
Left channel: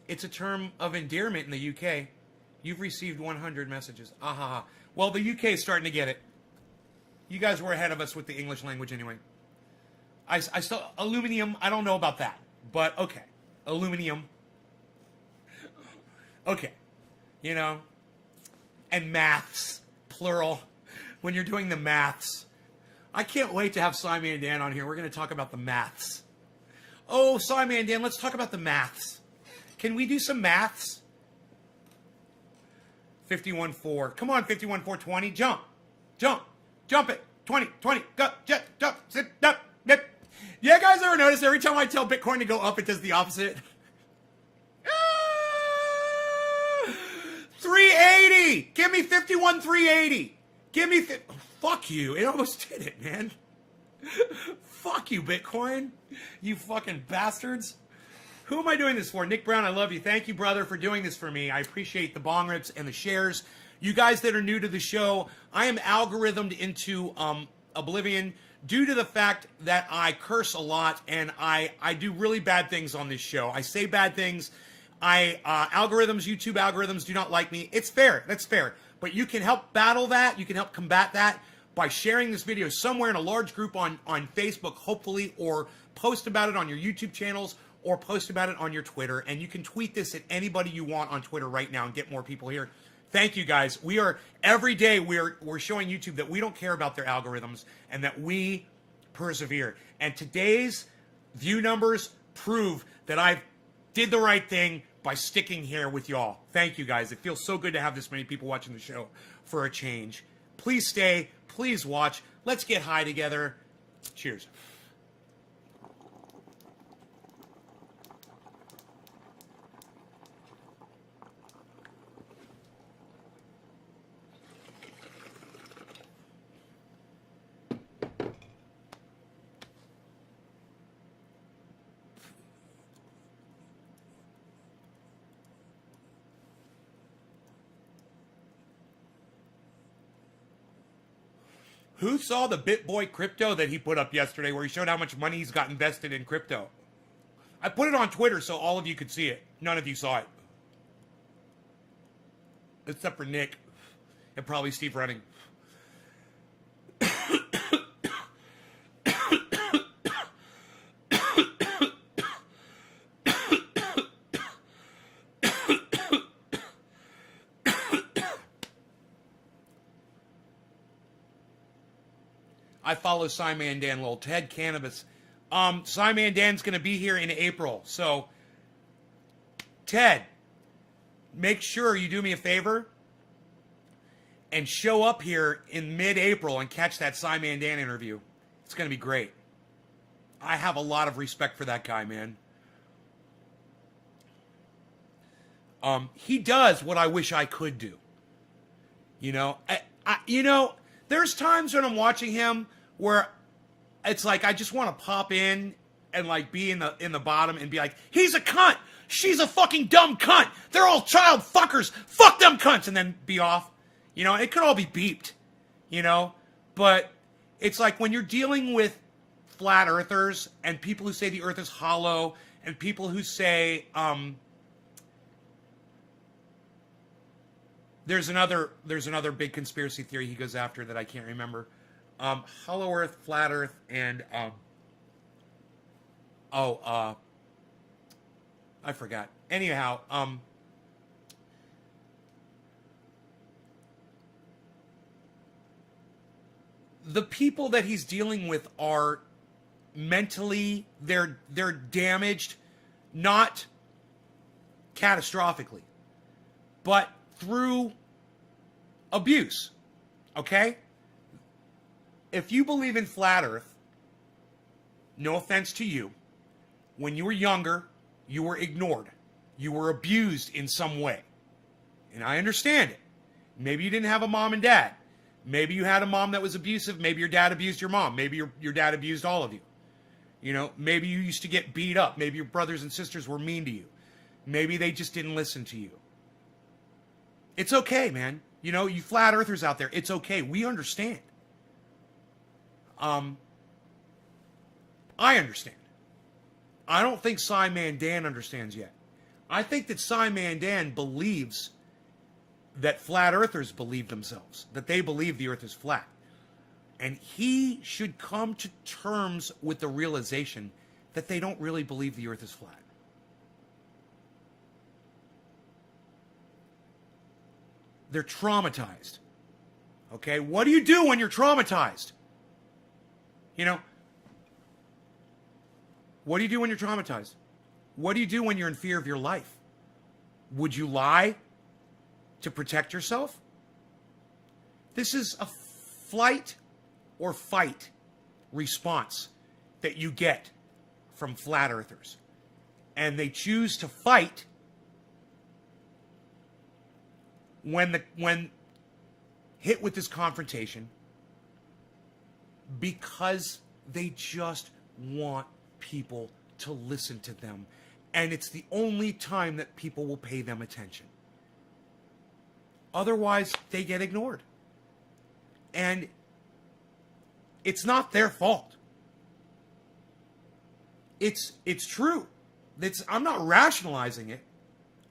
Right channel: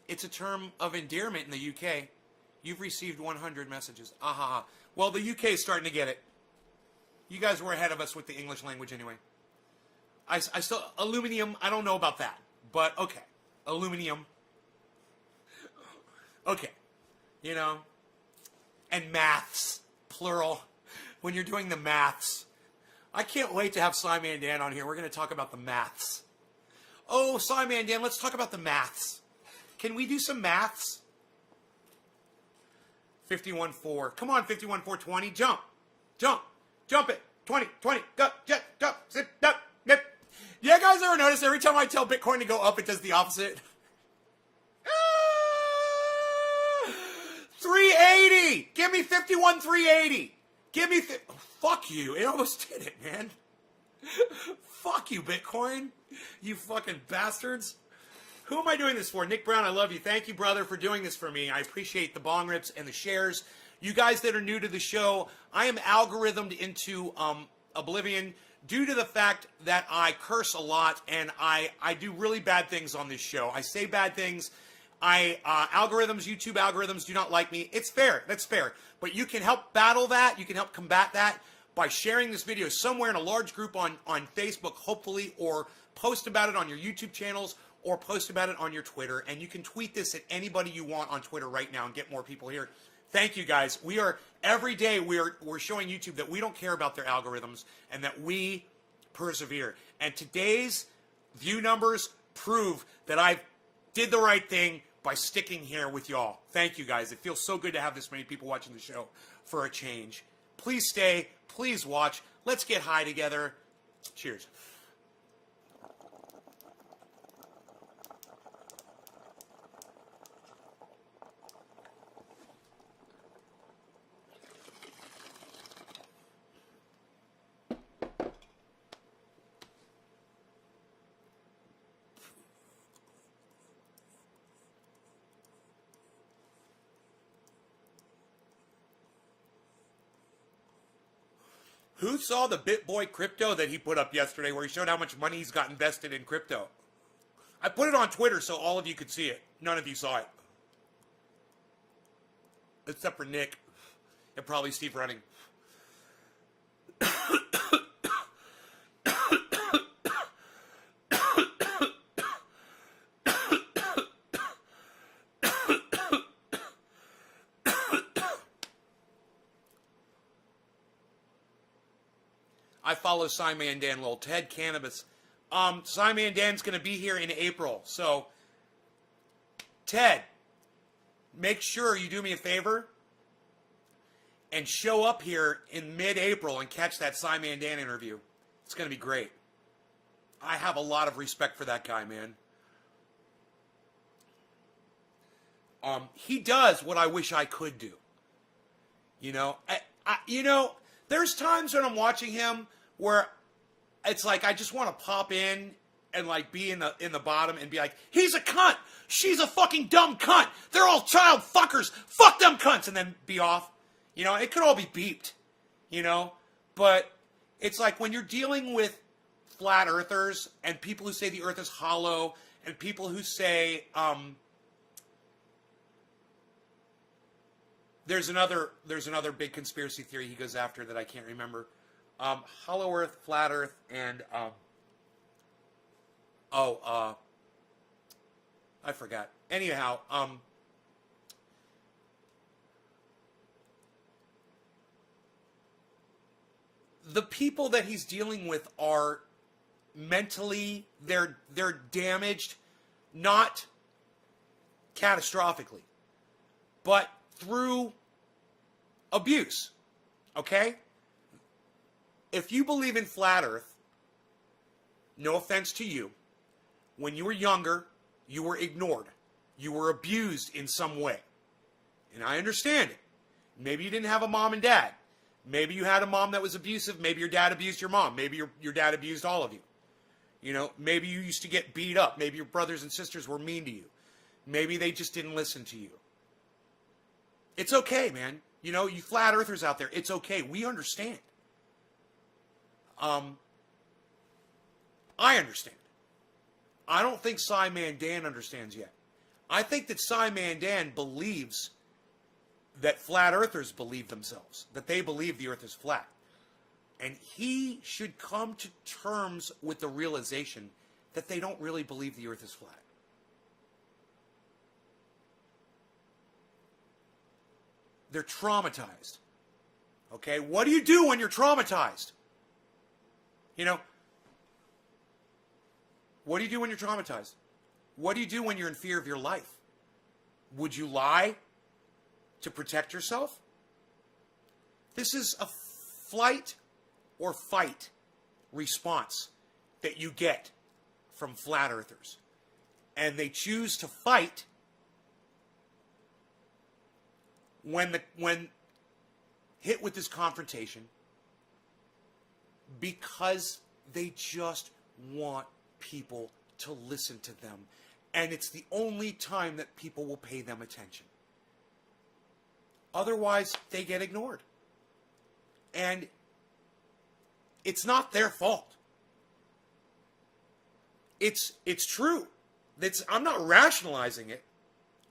It's a term of endearment in the UK. You've received 100 messages. Ahaha. Well, the UK is starting to get it. You guys were ahead of us with the English language anyway. I still, aluminium, I don't know about that. But, okay. Aluminium. Okay. You know. And maths. Plural. When you're doing the maths. I can't wait to have Simon and Dan on here. We're going to talk about the maths. Oh, Simon and Dan, let's talk about the maths. Can we do some maths? 51-4. Come on, 51-4-20. Jump. Jump. Jump it. 20, 20. Go, jump, jump, sit, up, nip. Yeah, guys ever notice every time I tell Bitcoin to go up, it does the opposite? 380. Give me 51, 380. Give me... Fuck you. It almost did it, man. Fuck you, Bitcoin. You fucking bastards. Who am I doing this for? Nick Brown, I love you. Thank you, brother, for doing this for me. I appreciate the bong rips and the shares. You guys that are new to the show, I am algorithmed into oblivion due to the fact that I curse a lot and I do really bad things on this show. I say bad things. Algorithms, YouTube algorithms do not like me. It's fair. That's fair. But you can help battle that. You can help combat that by sharing this video somewhere in a large group on Facebook, hopefully, or post about it on your YouTube channels, or post about it on your Twitter. And you can tweet this at anybody you want on Twitter right now and get more people here. Thank you, guys. We are, every day, we're showing YouTube that we don't care about their algorithms and that we persevere. And today's view numbers prove that I did the right thing by sticking here with y'all. Thank you, guys. It feels so good to have this many people watching the show for a change. Please stay. Please watch. Let's get high together. Cheers. Who saw the BitBoy crypto that he put up yesterday where he showed how much money he's got invested in crypto? I put it on Twitter so all of you could see it. None of you saw it. Except for Nick and probably Steve Running. I follow Simon and Dan Lowell. Ted Cannabis. Simon and Dan's going to be here in April. So, Ted, make sure you do me a favor and show up here in mid-April and catch that Simon and Dan interview. It's going to be great. I have a lot of respect for that guy, man. He does what I wish I could do. You know, there's times when I'm watching him where it's like I just want to pop in and like be in the bottom and be like, he's a cunt, she's a fucking dumb cunt, they're all child fuckers, fuck them cunts, and then be off. You know, it could all be beeped, you know, but it's like when you're dealing with flat earthers and people who say the earth is hollow and people who say there's another big conspiracy theory he goes after that I can't remember. Hollow earth, flat earth, and I forgot. Anyhow, the people that he's dealing with are mentally, they're damaged, not catastrophically, but through abuse. Okay? If you believe in flat earth, no offense to you, when you were younger, you were ignored. You were abused in some way. And I understand it. Maybe you didn't have a mom and dad. Maybe you had a mom that was abusive. Maybe your dad abused your mom. Maybe your dad abused all of you. You know, maybe you used to get beat up. Maybe your brothers and sisters were mean to you. Maybe they just didn't listen to you. It's okay, man. You know, you flat earthers out there, it's okay. We understand. I understand. I don't think Simon Dan understands yet. I think that Simon Dan believes that flat earthers believe themselves, that they believe the earth is flat. And he should come to terms with the realization that they don't really believe the earth is flat. They're traumatized. Okay? What do you do when you're traumatized? You know, what do you do when you're traumatized? What do you do when you're in fear of your life? Would you lie to protect yourself? This is a flight or fight response that you get from flat earthers. And they choose to fight when hit with this confrontation because they just want people to listen to them. And it's the only time that people will pay them attention. Otherwise, they get ignored. And it's not their fault. It's true. I'm not rationalizing it.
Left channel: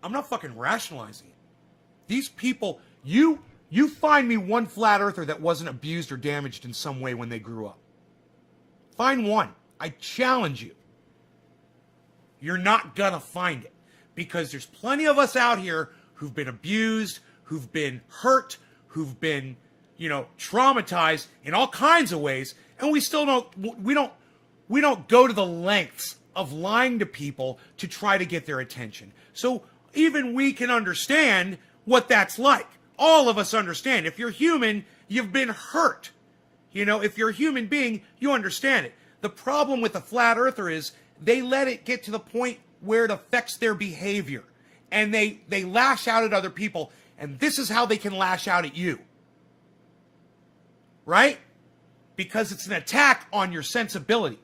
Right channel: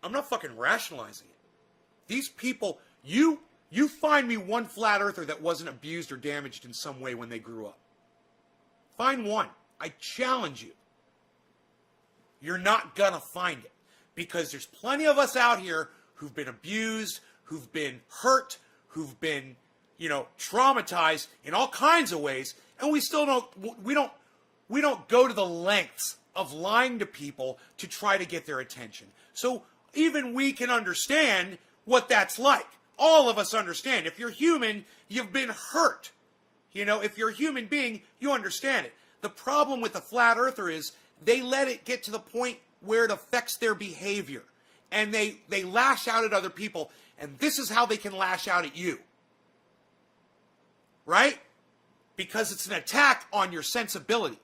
I'm not fucking rationalizing it. These people, you find me one flat earther that wasn't abused or damaged in some way when they grew up. Find one. I challenge you. You're not gonna find it. Because there's plenty of us out here who've been abused, who've been hurt, who've been, traumatized in all kinds of ways, and we don't go to the lengths of lying to people to try to get their attention. So even we can understand what that's like. All of us understand. If you're human, you've been hurt. If you're a human being, you understand it. The problem with the flat earther is they let it get to the point where it affects their behavior. And they lash out at other people. And this is how they can lash out at you. Right? Because it's an attack on your sensibility.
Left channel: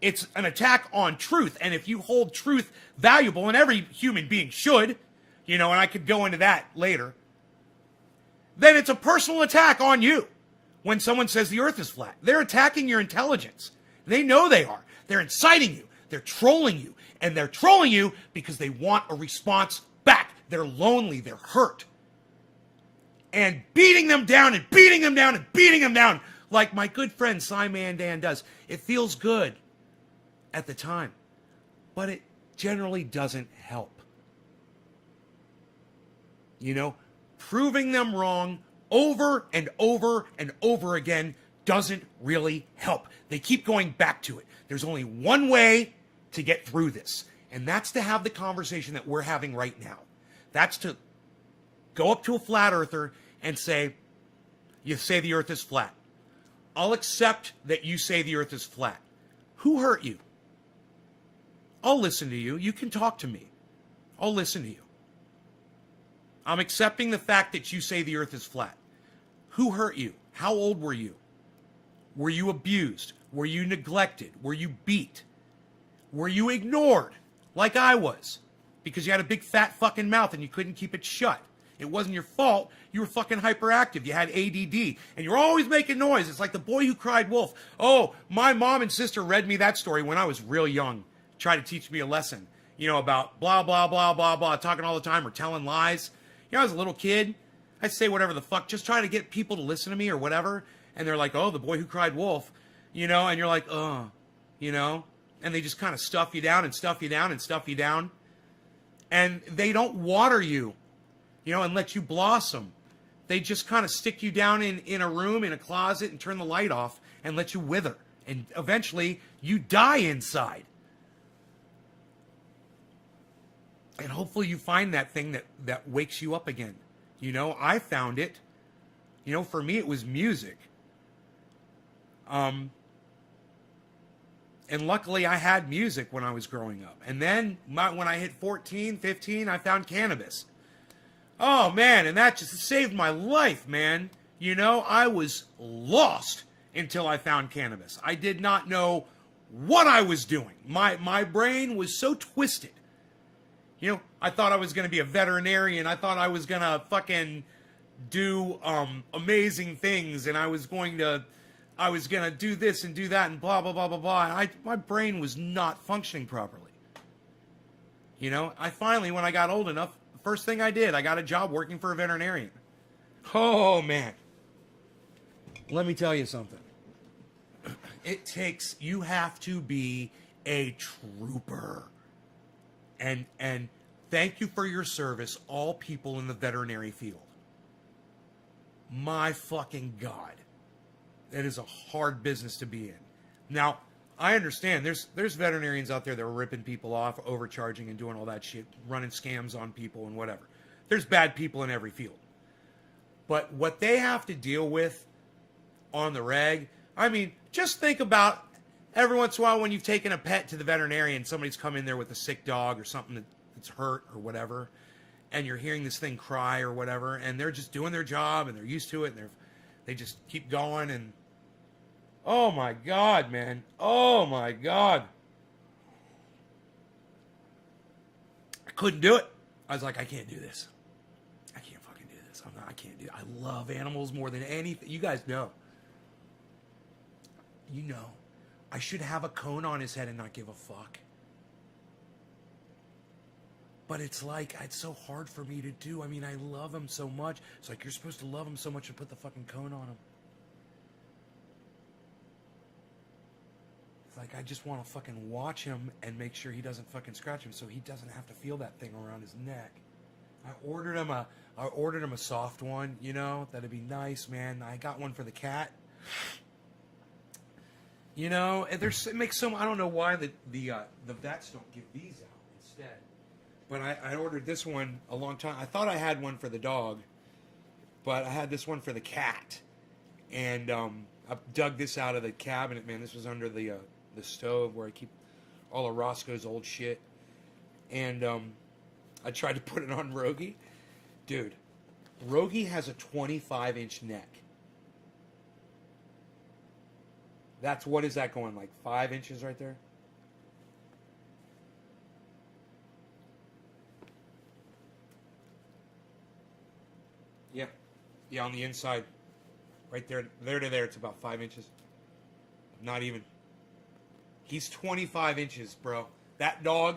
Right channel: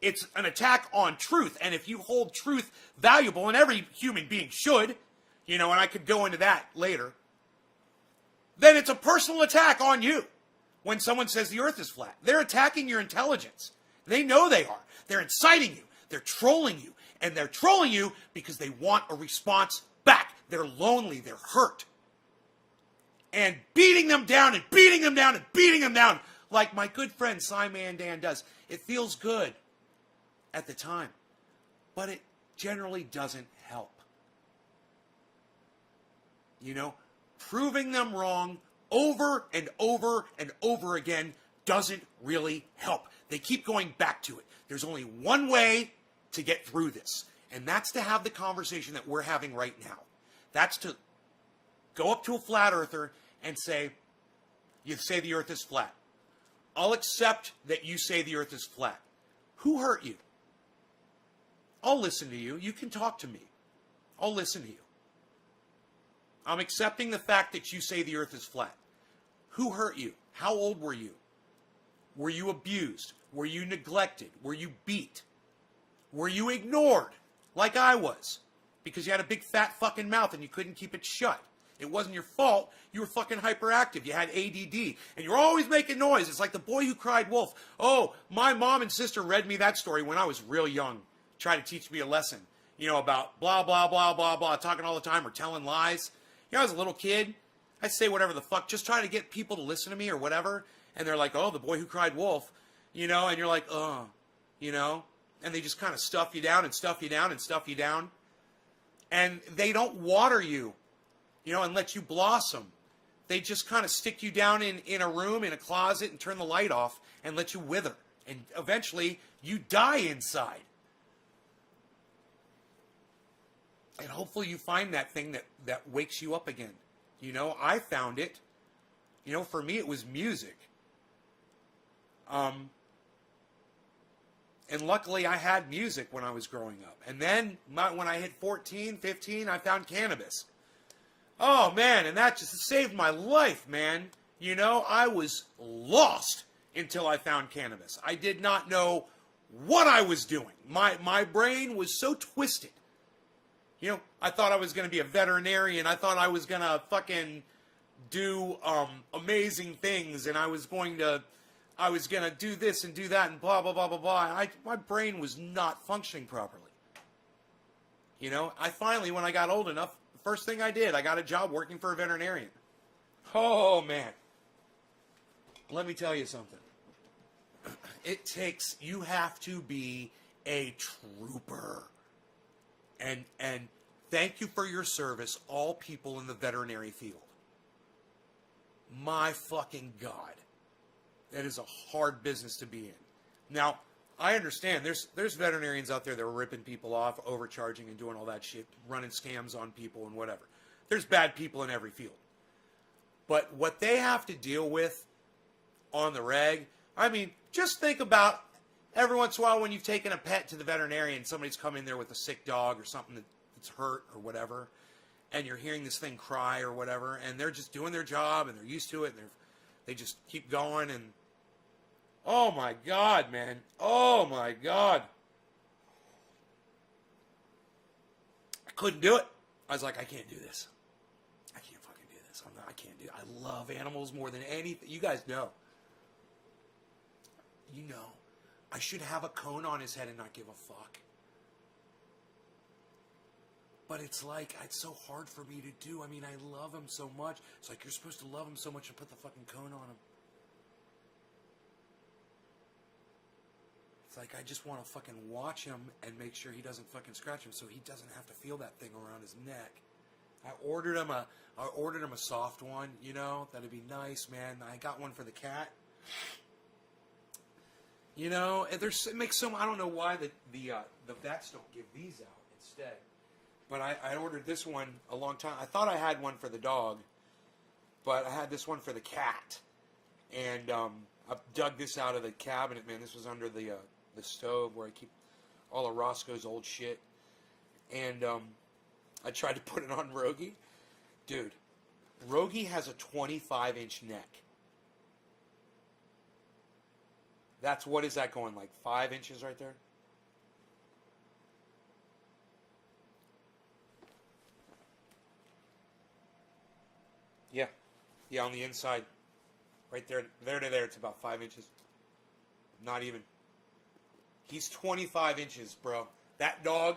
It's an attack on truth. And if you hold truth valuable, and every human being should, and I could go into that later, then it's a personal attack on you. When someone says the earth is flat, they're attacking your intelligence. They know they are. They're inciting you. They're trolling you. And they're trolling you because they want a response back. They're lonely. They're hurt. And beating them down and beating them down and beating them down like my good friend Simon Dan does. It feels good at the time. But it generally doesn't help. Proving them wrong over and over and over again doesn't really help. They keep going back to it. There's only one way to get through this, and that's to have the conversation that we're having right now. That's to go up to a flat earther and say, you say the earth is flat. I'll accept that you say the earth is flat. Who hurt you? I'll listen to you. You can talk to me. I'll listen to you. I'm accepting the fact that you say the earth is flat. Who hurt you? How old were you? Were you abused? Were you neglected? Were you beat? Were you ignored like I was because you had a big fat fucking mouth and you couldn't keep it shut? It wasn't your fault. You were fucking hyperactive. You had ADD. And you're always making noise. It's like the boy who cried wolf. Oh, my mom and sister read me that story when I was real young. Tried to teach me a lesson, you know, about blah, blah, blah, blah, blah, talking all the time or telling lies. You know, I was a little kid. I'd say whatever the fuck, just trying to get people to listen to me or whatever. And they're like, oh, the boy who cried wolf, you know, and you're like, oh, you know. And they just kind of stuff you down and stuff you down and stuff you down. And they don't water you, you know, and let you blossom. They just kind of stick you down in a room, in a closet, and turn the light off and let you wither. And eventually, you die inside. And hopefully you find that thing that wakes you up again. You know, I found it. You know, for me, it was music. And luckily, I had music when I was growing up. And then, when I hit 14, 15, I found cannabis. Oh, man, and that just saved my life, man. You know, I was lost until I found cannabis. I did not know what I was doing. My brain was so twisted. You know, I thought I was going to be a veterinarian. I thought I was going to fucking do amazing things. And I was going to do this and do that and blah, blah, blah, blah, blah. My brain was not functioning properly. You know, I finally, when I got old enough, the first thing I did, I got a job working for a veterinarian. Oh, man. Let me tell you something. You have to be a trooper. And thank you for your service, all people in the veterinary field. My fucking God. That is a hard business to be in. Now, I understand there's veterinarians out there that are ripping people off, overcharging and doing all that shit, running scams on people and whatever. There's bad people in every field. But what they have to deal with on the reg, I mean, just think about every once in a while when you've taken a pet to the veterinarian, somebody's come in there with a sick dog or something that's hurt or whatever, and you're hearing this thing cry or whatever, and they're just doing their job and they're used to it and they just keep going and oh my God, man. Oh my God. I couldn't do it. I was like, I can't do this. I can't fucking do this. I can't do it. I love animals more than anything. You guys know. You know. I should have a cone on his head and not give a fuck. But it's like, it's so hard for me to do. I mean, I love him so much. It's like, you're supposed to love him so much and put the fucking cone on him. It's like, I just want to fucking watch him and make sure he doesn't fucking scratch him so he doesn't have to feel that thing around his neck. I ordered him a soft one, you know, that'd be nice, man. I got one for the cat. You know, it makes some, I don't know why the vets don't give these out instead. But I ordered this one a long time. I thought I had one for the dog, but I had this one for the cat. And I dug this out of the cabinet, man. This was under the stove where I keep all of Roscoe's old shit. And I tried to put it on Rogie. Dude, Rogie has a 25-inch neck. What is that going, like 5 inches right there? Yeah. Yeah, on the inside. Right there to there, it's about 5 inches. Not even. He's 25 inches, bro. That dog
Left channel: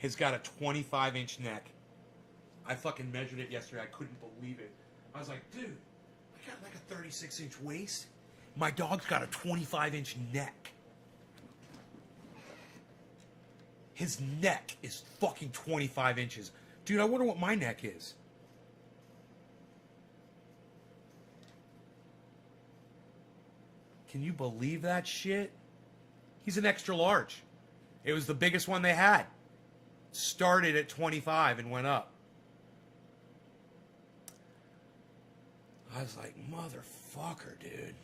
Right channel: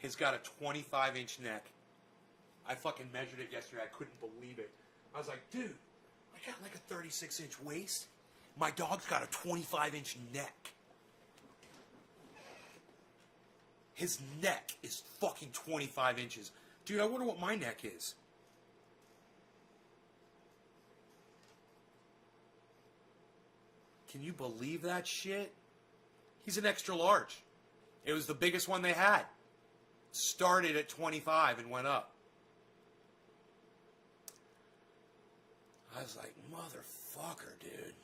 has got a 25-inch neck. I fucking measured it yesterday. I couldn't believe it. I was like, dude, I got like a 36-inch waist. My dog's got a 25-inch neck. His neck is fucking 25 inches. Dude, I wonder what my neck is. Can you believe that shit? He's an extra large. It was the biggest one they had. Started at 25 and went up. I was like, motherfucker, dude.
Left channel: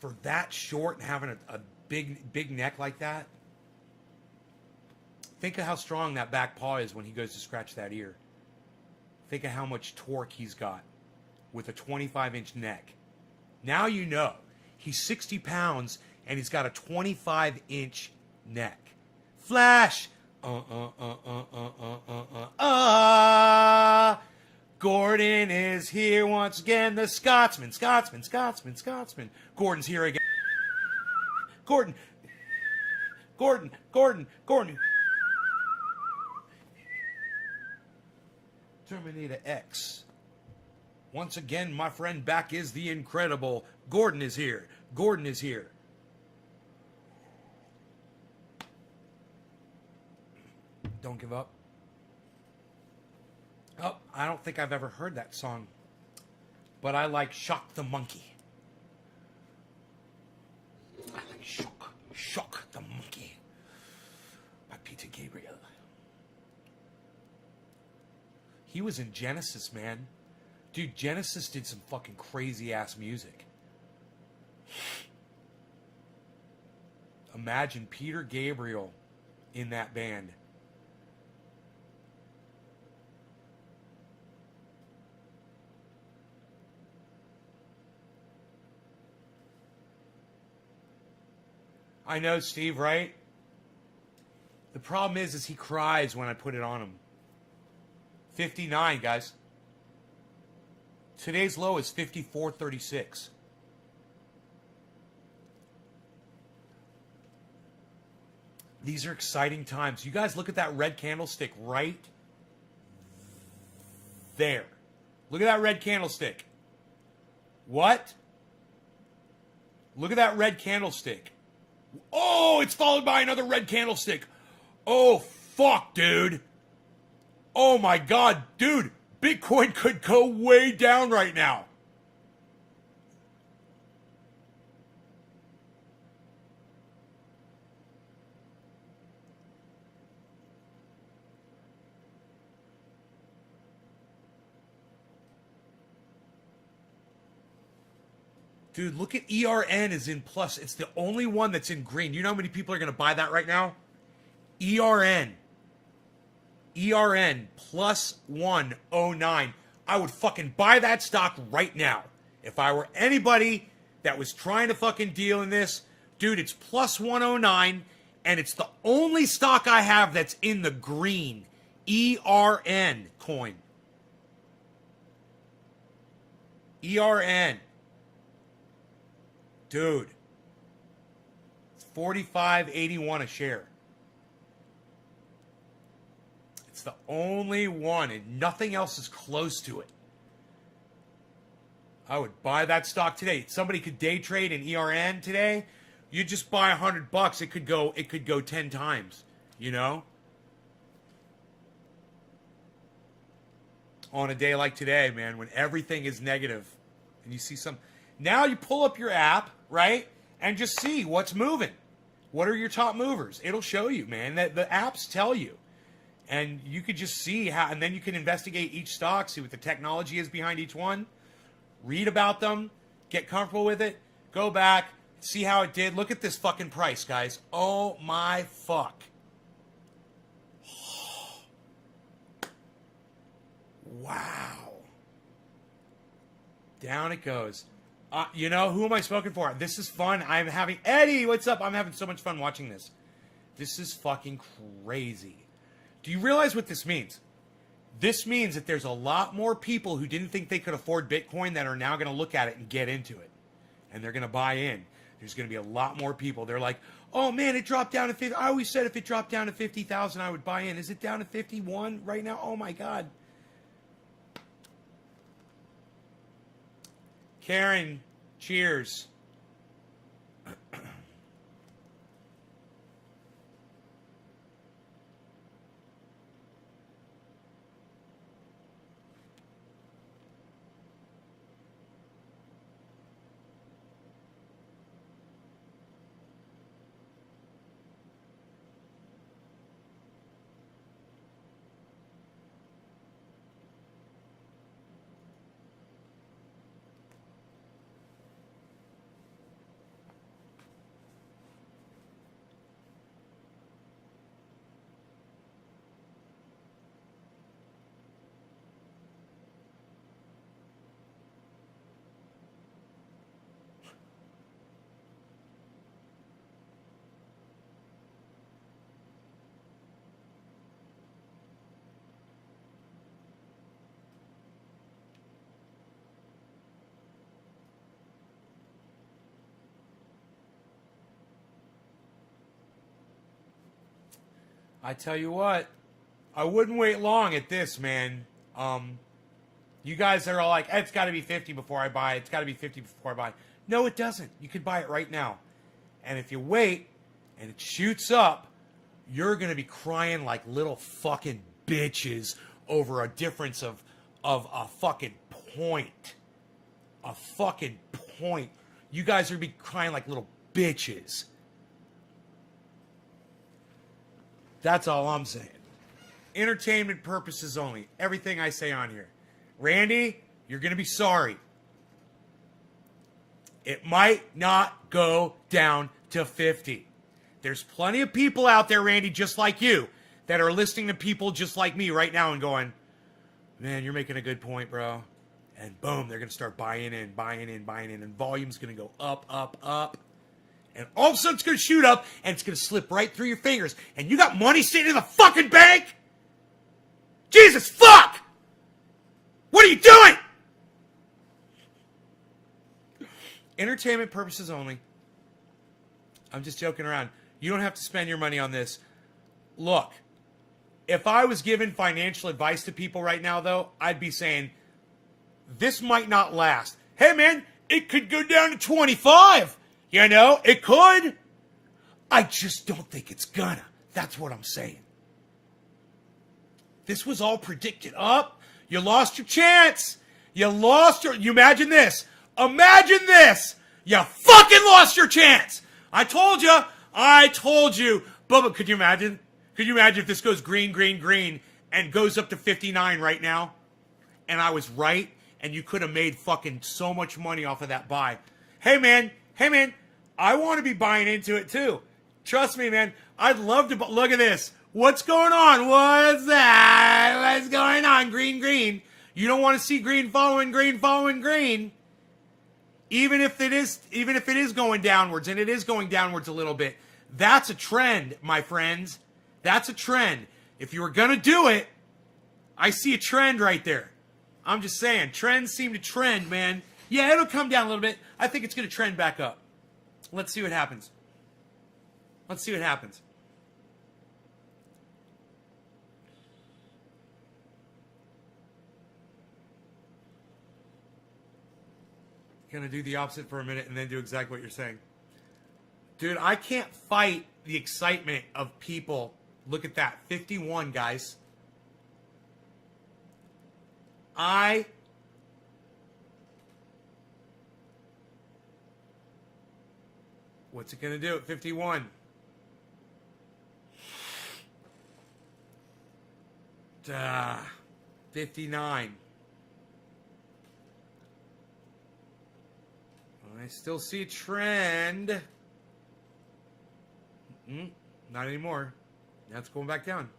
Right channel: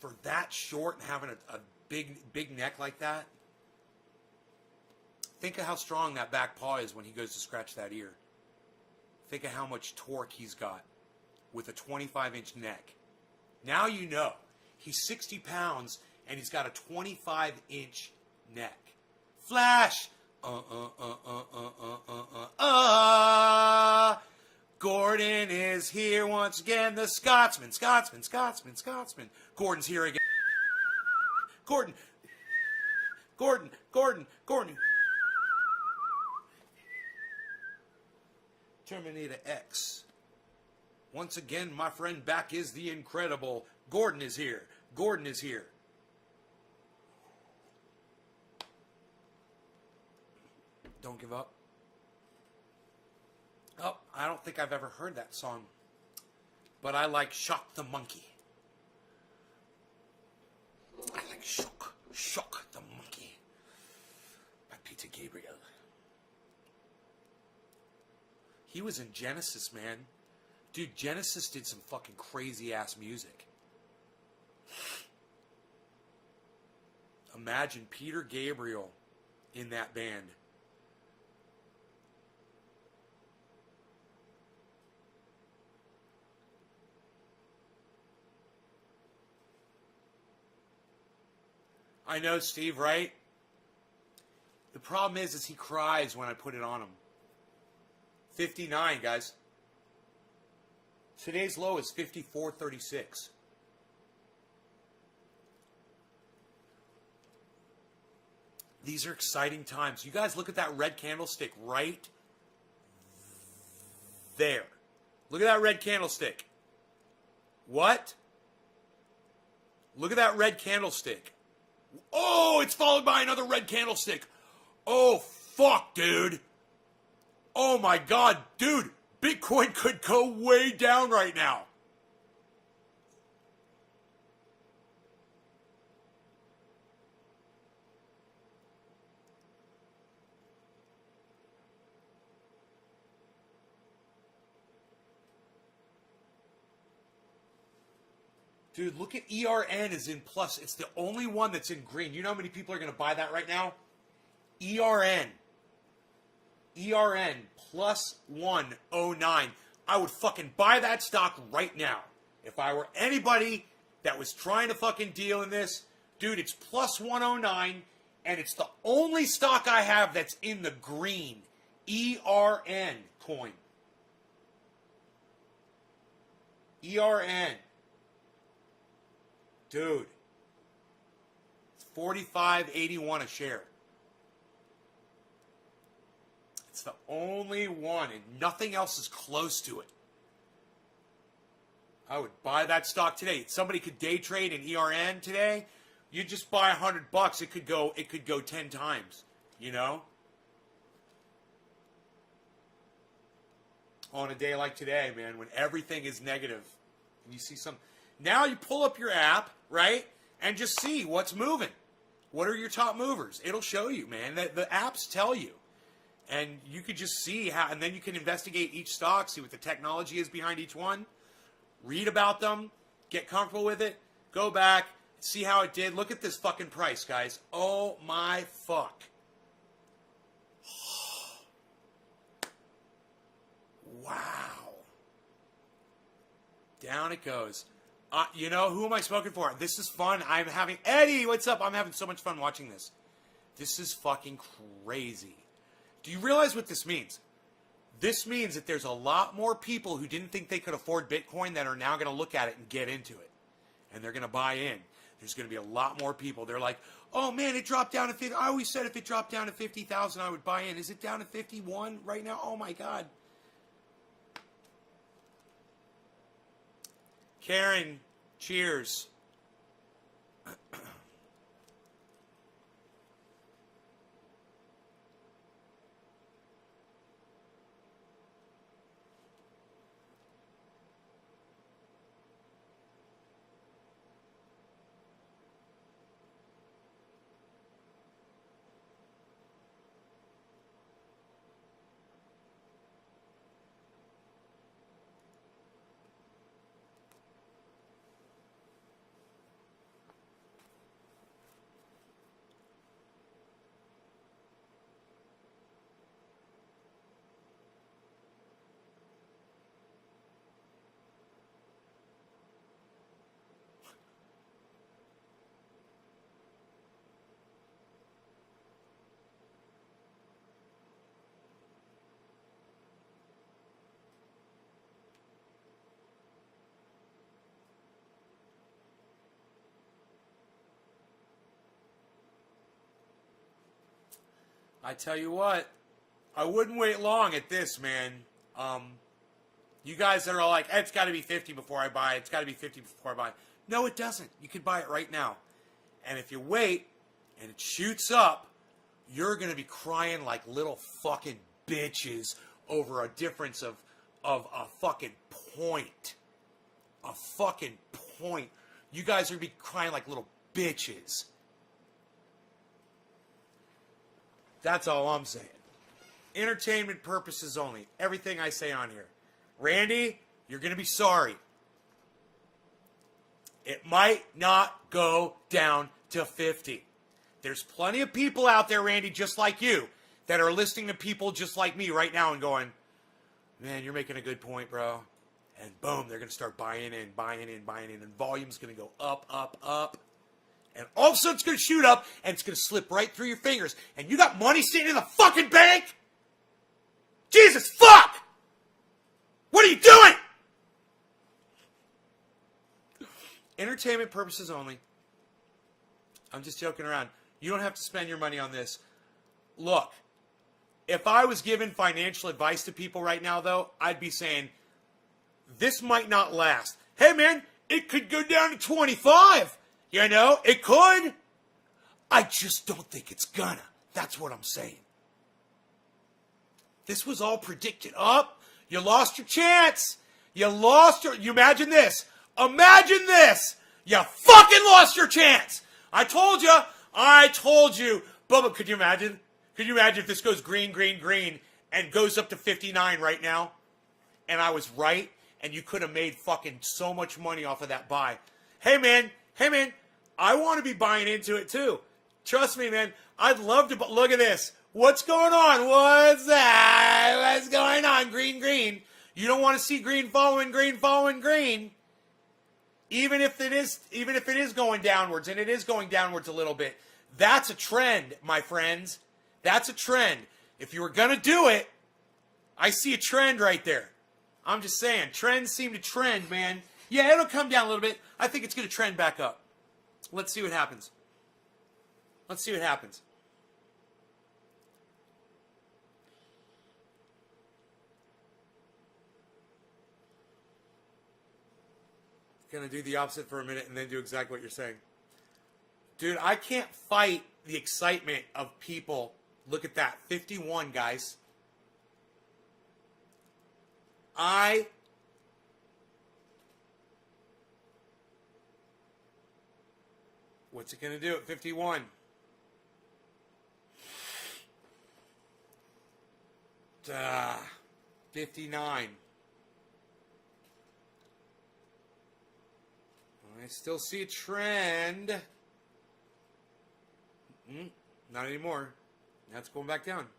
For that short and having a big neck like that, think of how strong that back paw is when he goes to scratch that ear. Think of how much torque he's got with a 25-inch neck. Now you know. He's 60 pounds and he's got a 25-inch neck. Flash. Gordon is here once again. The Scotsman. Gordon's here again. Gordon. Terminator X. Once again, my friend, back is the incredible. Gordon is here. Don't give up. Oh, I don't think I've ever heard that song. But I like Shock the Monkey. I like Shock the Monkey by Peter Gabriel. He was in Genesis, man. Dude, Genesis did some fucking crazy ass music. Imagine Peter Gabriel in that band. I know, Steve, right? The problem is he cries when I put it on him. 59, guys. Today's low is 54.36. These are exciting times. You guys look at that red candlestick right there. Look at that red candlestick. What? Look at that red candlestick. Oh, it's followed by another red candlestick. Oh, fuck, dude. Oh, my God. Dude, Bitcoin could go way down right now. Dude, look at ERN is in plus. It's the only one that's in green. You know how many people are going to buy that right now? ERN plus 109. I would fucking buy that stock right now. If I were anybody that was trying to fucking deal in this, dude, it's plus 109, and it's the only stock I have that's in the green. ERN coin. ERN. Dude, it's $45.81 a share. It's the only one, and nothing else is close to it. I would buy that stock today. Somebody could day trade in ERN today. You just buy $100. It could go 10 times. You know, on a day like today, man, when everything is negative, and you see some. Now you pull up your app, right, and just see what's moving. What are your top movers? It'll show you, man. The apps tell you. And you could just see how, and then you can investigate each stock, see what the technology is behind each one, read about them, get comfortable with it, go back, see how it did. Look at this fucking price, guys. Oh my fuck. Wow. Down it goes. You know, who am I smoking for? This is fun. I'm having... Eddie, what's up? I'm having so much fun watching this. This is fucking crazy. Do you realize what this means? This means that there's a lot more people who didn't think they could afford Bitcoin that are now going to look at it and get into it. And they're going to buy in. There's going to be a lot more people. They're like, oh, man, it dropped down to 50. I always said if it dropped down to 50,000, I would buy in. Is it down to 51 right now? Oh, my God. Karen, cheers. I tell you what, I wouldn't wait long at this, man. You guys that are all like, it's got to be 50 before I buy it. It's got to be 50 before I buy it. No, it doesn't. You could buy it right now. And if you wait and it shoots up, you're going to be crying like little fucking bitches over a difference of a fucking point. A fucking point. You guys are going to be crying like little bitches. That's all I'm saying. Entertainment purposes only. Everything I say on here. Randy, you're going to be sorry. It might not go down to 50. There's plenty of people out there, Randy, just like you, that are listening to people just like me right now and going, man, you're making a good point, bro. And boom, they're going to start buying in, and volume's going to go up, up, up. And all of a sudden it's going to shoot up, and it's going to slip right through your fingers. And you got money sitting in the fucking bank? Jesus, fuck! What are you doing? Entertainment purposes only. I'm just joking around. You don't have to spend your money on this. Look, if I was giving financial advice to people right now, though, I'd be saying, this might not last. Hey, man, it could go down to 25. You know, it could. I just don't think it's gonna. That's what I'm saying. This was all predicted up. You lost your chance. You imagine this. Imagine this. You fucking lost your chance. I told you. Bubba, could you imagine? Could you imagine if this goes green, green, green and goes up to 59 right now? And I was right, and you could have made fucking so much money off of that buy. Hey, man, I want to be buying into it too. Trust me, man. I'd love to, but look at this. What's going on? What's that? What's going on? Green, green. You don't want to see green following green following green. Even if it is going downwards, and it is going downwards a little bit, that's a trend, my friends. That's a trend. If you were going to do it, I see a trend right there. I'm just saying, trends seem to trend, man. Yeah, it'll come down a little bit. I think it's going to trend back up. Let's see what happens. Let's see what happens. Gonna do the opposite for a minute and then do exactly what you're saying. Dude, I can't fight the excitement of people. Look at that. 51, guys. What's it gonna do at 51? Duh. 59. I still see a trend. Not anymore. Now it's going back down.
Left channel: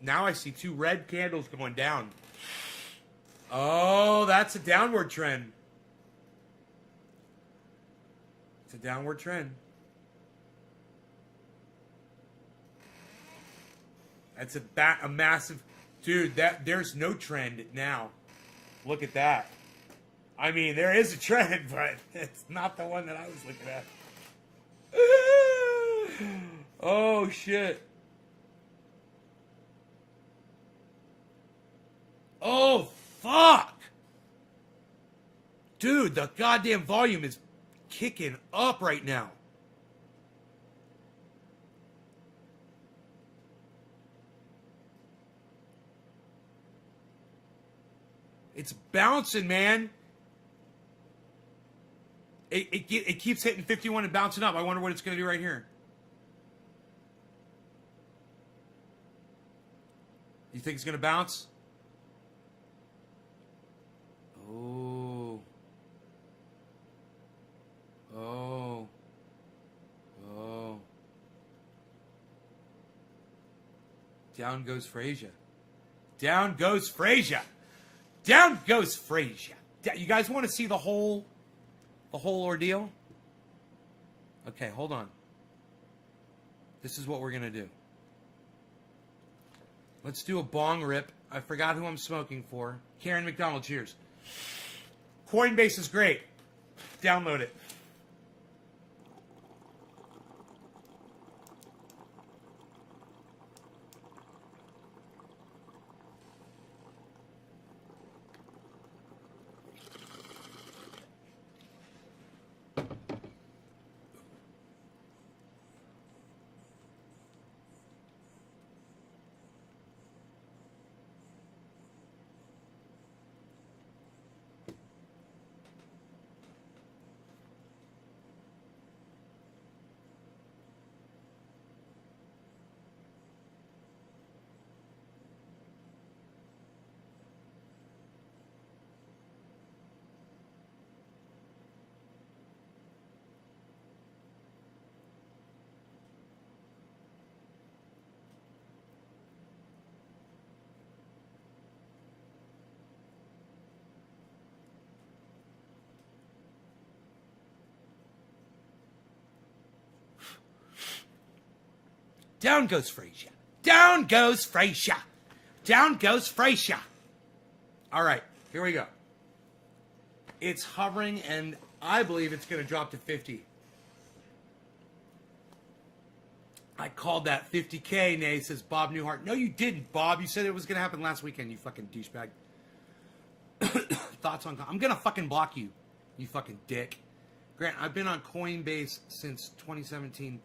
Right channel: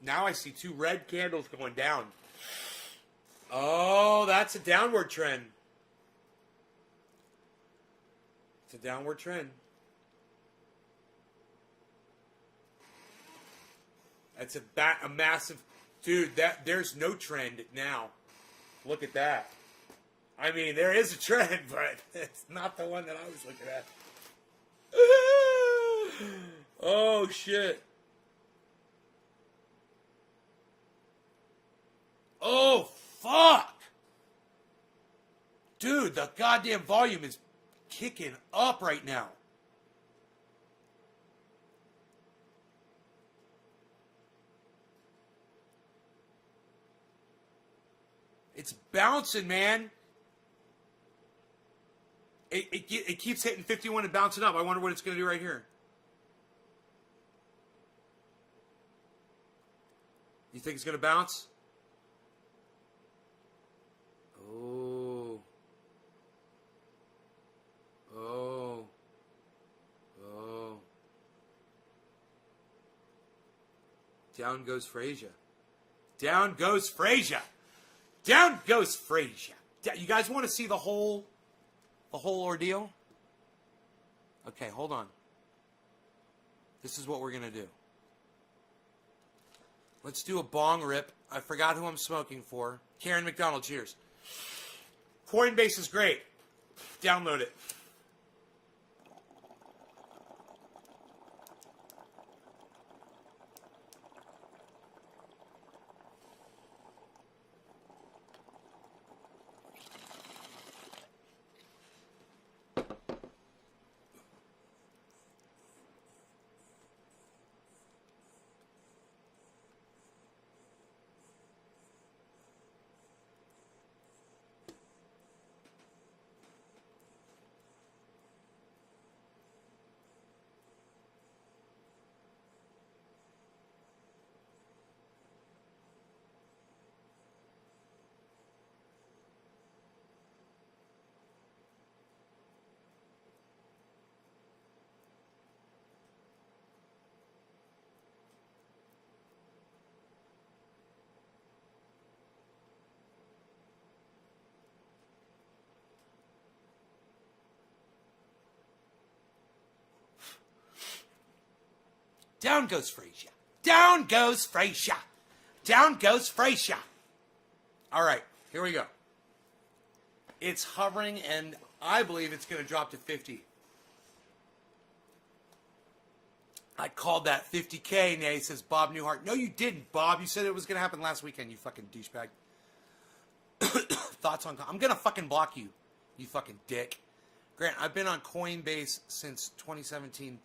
Now I see two red candles going down. Oh, that's a downward trend. It's a downward trend. That's a massive... Dude, there's no trend now. Look at that. I mean, there is a trend, but it's not the one that I was looking at. Oh, shit. Oh, fuck. Dude, the goddamn volume is kicking up right now. It's bouncing, man. It keeps hitting 51 and bouncing up. I wonder what it's going to do right here. You think it's going to bounce? Oh. Oh. Oh. Down goes Frasier. Down goes Frasier. Down goes Frasier. You guys want to see the whole ordeal? Okay, hold on. This is what we're going to do. Let's do a bong rip. I forgot who I'm smoking for. Karen McDonald, cheers. Coinbase is great. Download it. Down goes Frasier. Down goes Frasier. Down goes Frasier. All right, here we go. It's hovering, and I believe it's going to drop to 50. I called that 50K, Nay, says Bob Newhart. No, you didn't, Bob. You said it was going to happen last weekend, you fucking douchebag. Thoughts on... I'm going to fucking block you, you fucking dick. Grant, I've been on Coinbase since 2017,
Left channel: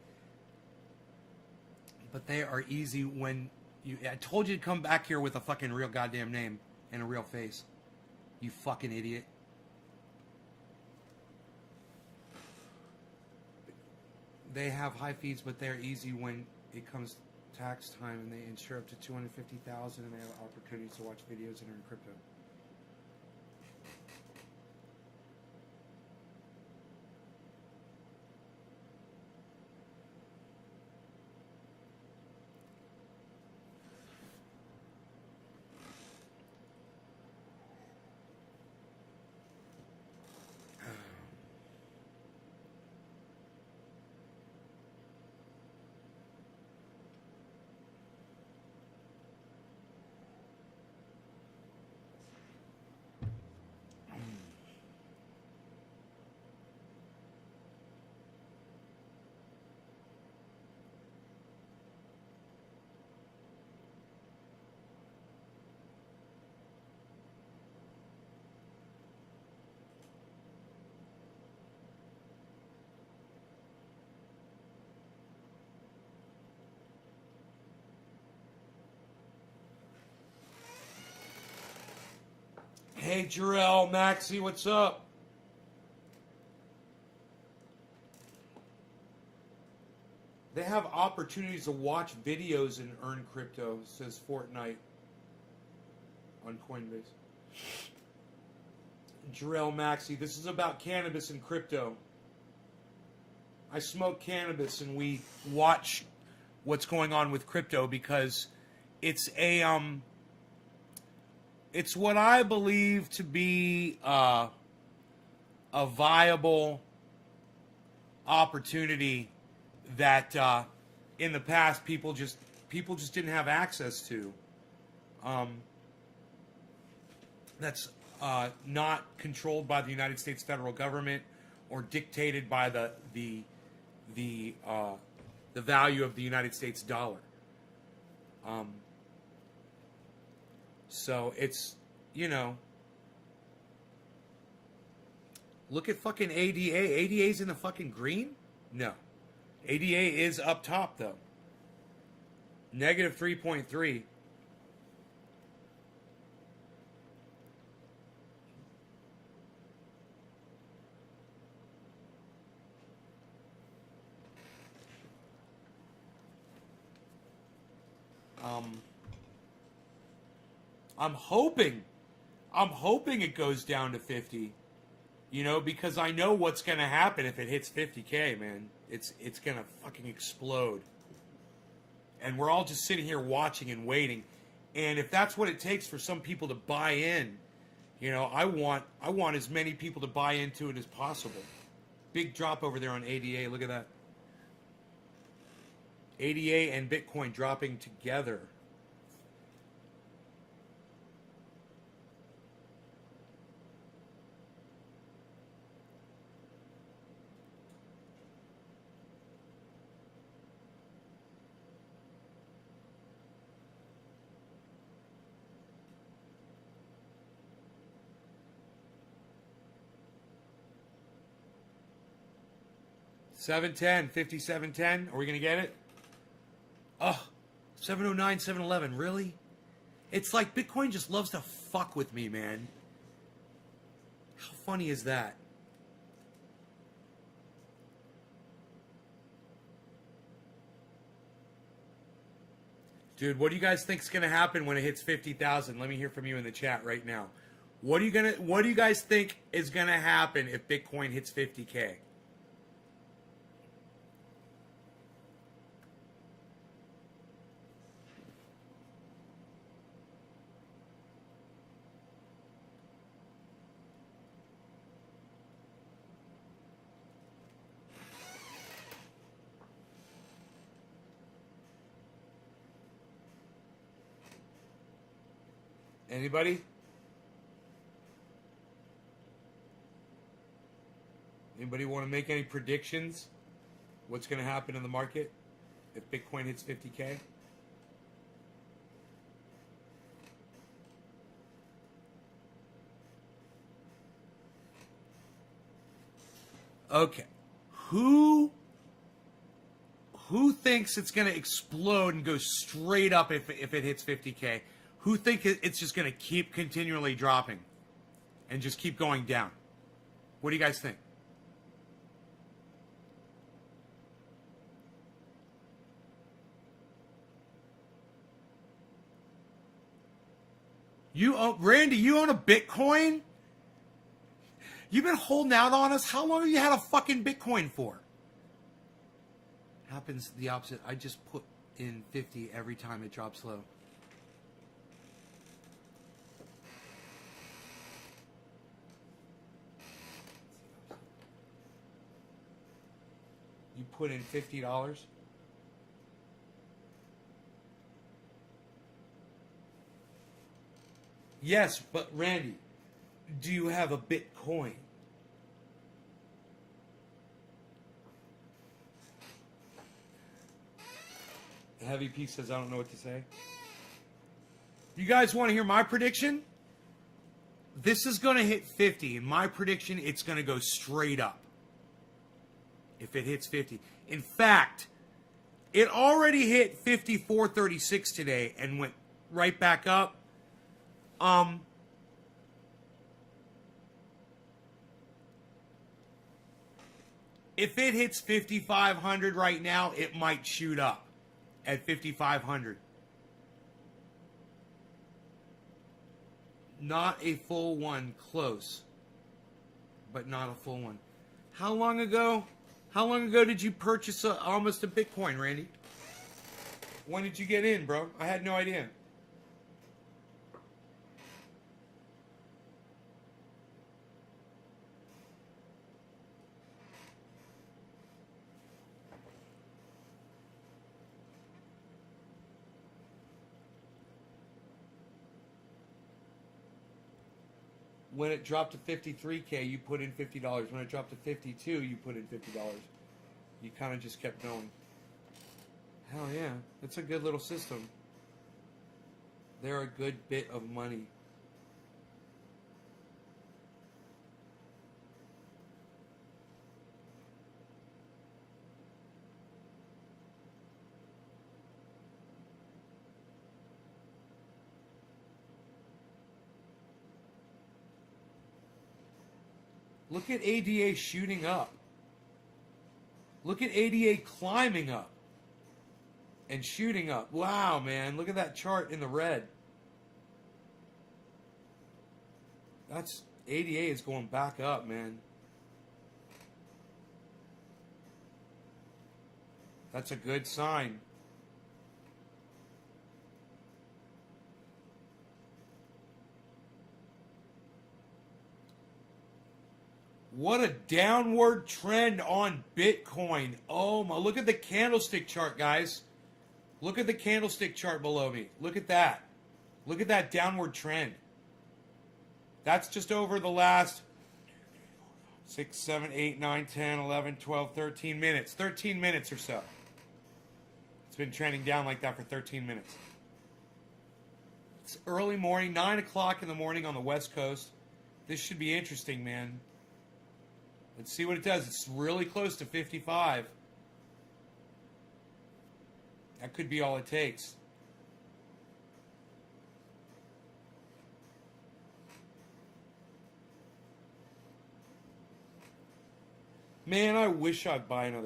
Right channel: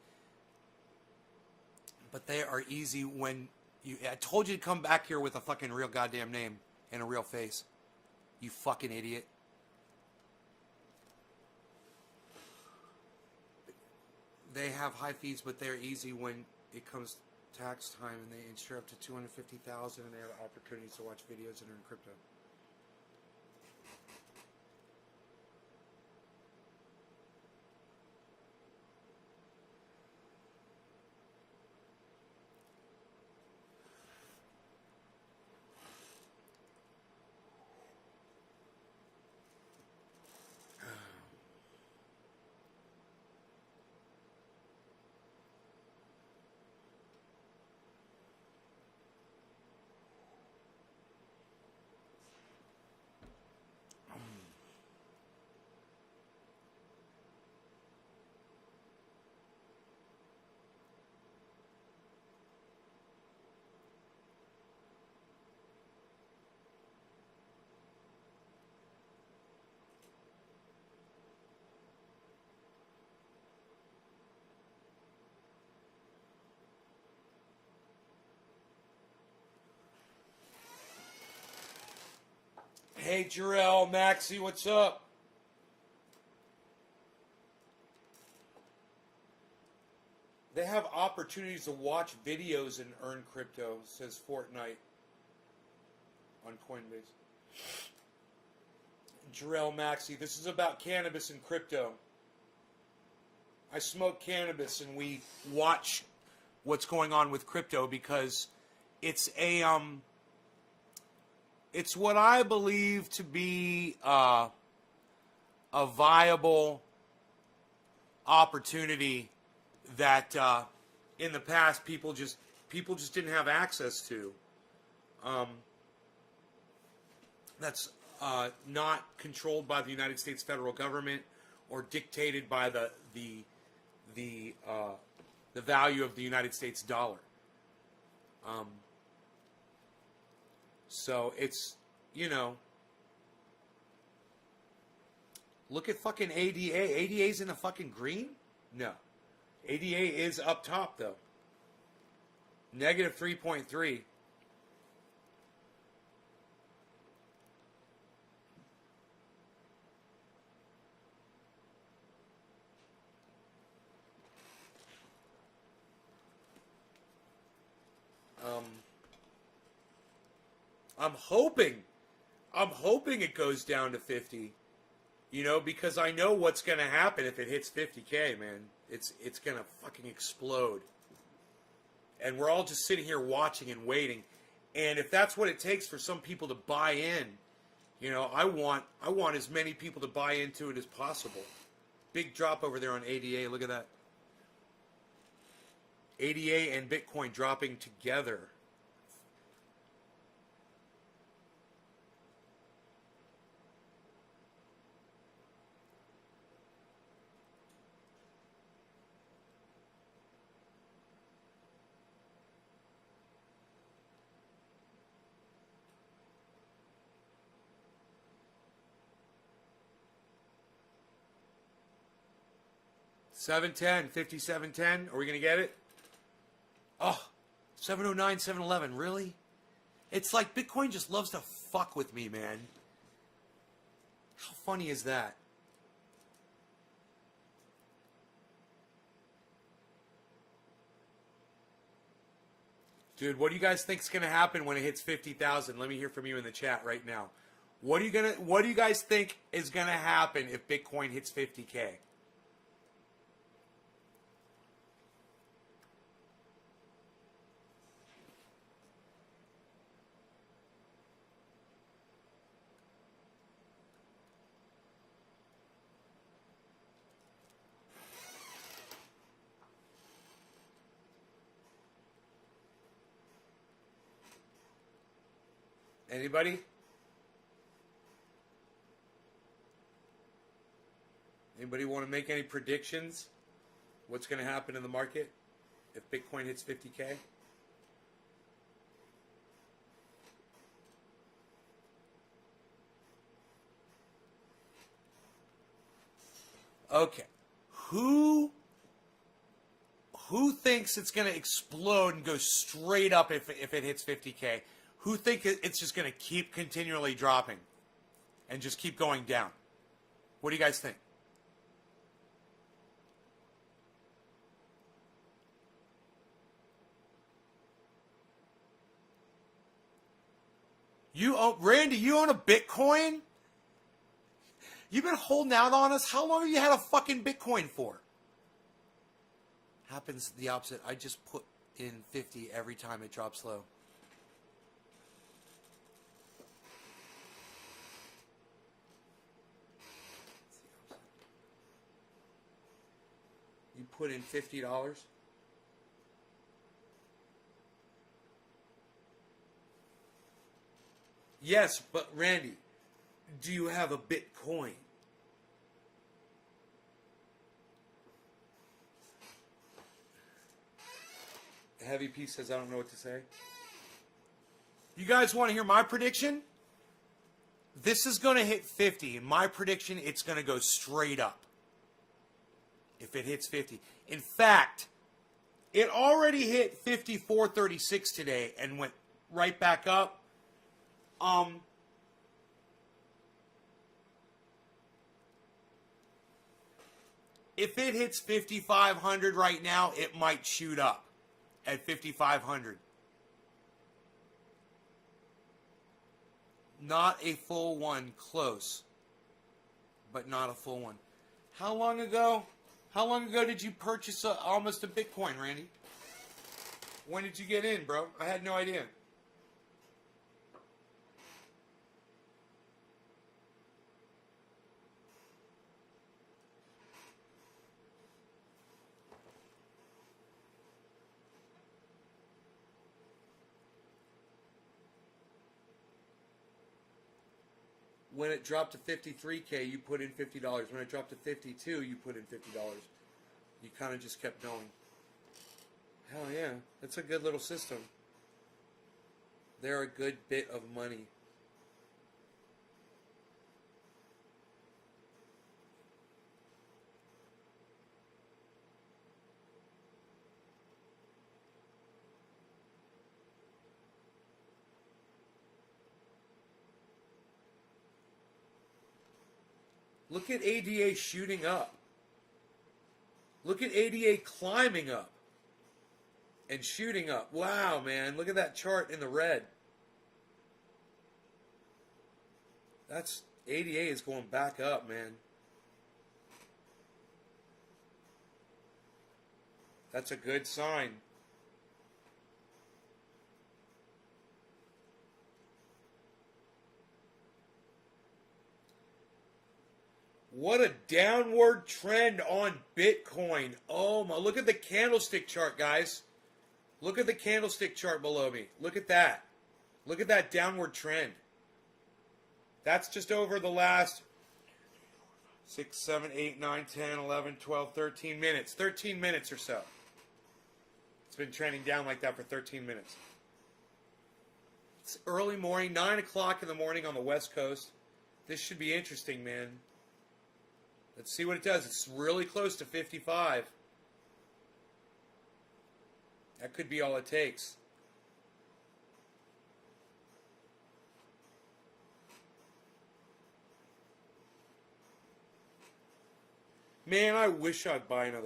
but they are easy when you... I told you to come back here with a fucking real goddamn name and a real face. You fucking idiot. They have high fees, but they're easy when it comes tax time, and they insure up to $250,000, and they have opportunities to watch videos and earn crypto. Hey, Jarrell, Maxie, what's up? They have opportunities to watch videos and earn crypto, says Fortnite on Coinbase. Jarrell, Maxie, this is about cannabis and crypto. I smoke cannabis and we watch what's going on with crypto because it's it's what I believe to be a viable opportunity that in the past people just didn't have access to. That's not controlled by the United States federal government or dictated by the value of the United States dollar. So it's, you know, look at fucking ADA. ADA's in the fucking green? No. ADA is up top, though. Negative 3.3. I'm hoping it goes down to 50, you know, because I know what's going to happen if it hits 50K, man. It's going to fucking explode. And we're all just sitting here watching and waiting. And if that's what it takes for some people to buy in, you know, I want as many people to buy into it as possible. Big drop over there on ADA. Look at that. ADA and Bitcoin dropping together. $7.10, 57.10. Are we gonna get it? Oh, 709, 711. Really? It's like Bitcoin just loves to fuck with me, man. How funny is that? Dude, what do you guys think is gonna happen when it hits 50,000? Let me hear from you in the chat right now. What do you guys think is gonna happen if Bitcoin hits 50K? Anybody? Anybody want to make any predictions? What's going to happen in the market if Bitcoin hits 50K? Okay. Who thinks it's going to explode and go straight up if it hits 50K? Who think it's just going to keep continually dropping and just keep going down? What do you guys think? Randy, you own a Bitcoin? You've been holding out on us? How long have you had a fucking Bitcoin for? Happens the opposite. I just put in 50 every time it drops low. You put in $50? Yes, but Randy, do you have a Bitcoin? The Heavy Piece says, I don't know what to say. You guys want to hear my prediction? This is going to hit 50. In my prediction, it's going to go straight up. If it hits 50. In fact, it already hit 54.36 today and went right back up. If it hits 5,500 right now, it might shoot up at 5,500. Not a full one, close, but not a full one. How long ago did you purchase almost a Bitcoin, Randy? When did you get in, bro? I had no idea. When it dropped to 53K, you put in $50. When it dropped to 52, you put in $50. You kind of just kept going. Hell yeah, that's a good little system. They're a good bit of money. Look at ADA shooting up. Look at ADA climbing up and shooting up. Wow, man. Look at that chart in the red. That's ADA is going back up, man. That's a good sign. What a downward trend on Bitcoin. Oh my, look at the candlestick chart, guys. Look at the candlestick chart below me. Look at that. Look at that downward trend. That's just over the last 6, 7, 8, 9, 10, 11, 12, 13 minutes. 13 minutes or so. It's been trending down like that for 13 minutes. It's early morning, 9 o'clock in the morning on the West Coast. This should be interesting, man. Let's see what it does. It's really close to 55. That could be all it takes. Man, I wish I'd buy another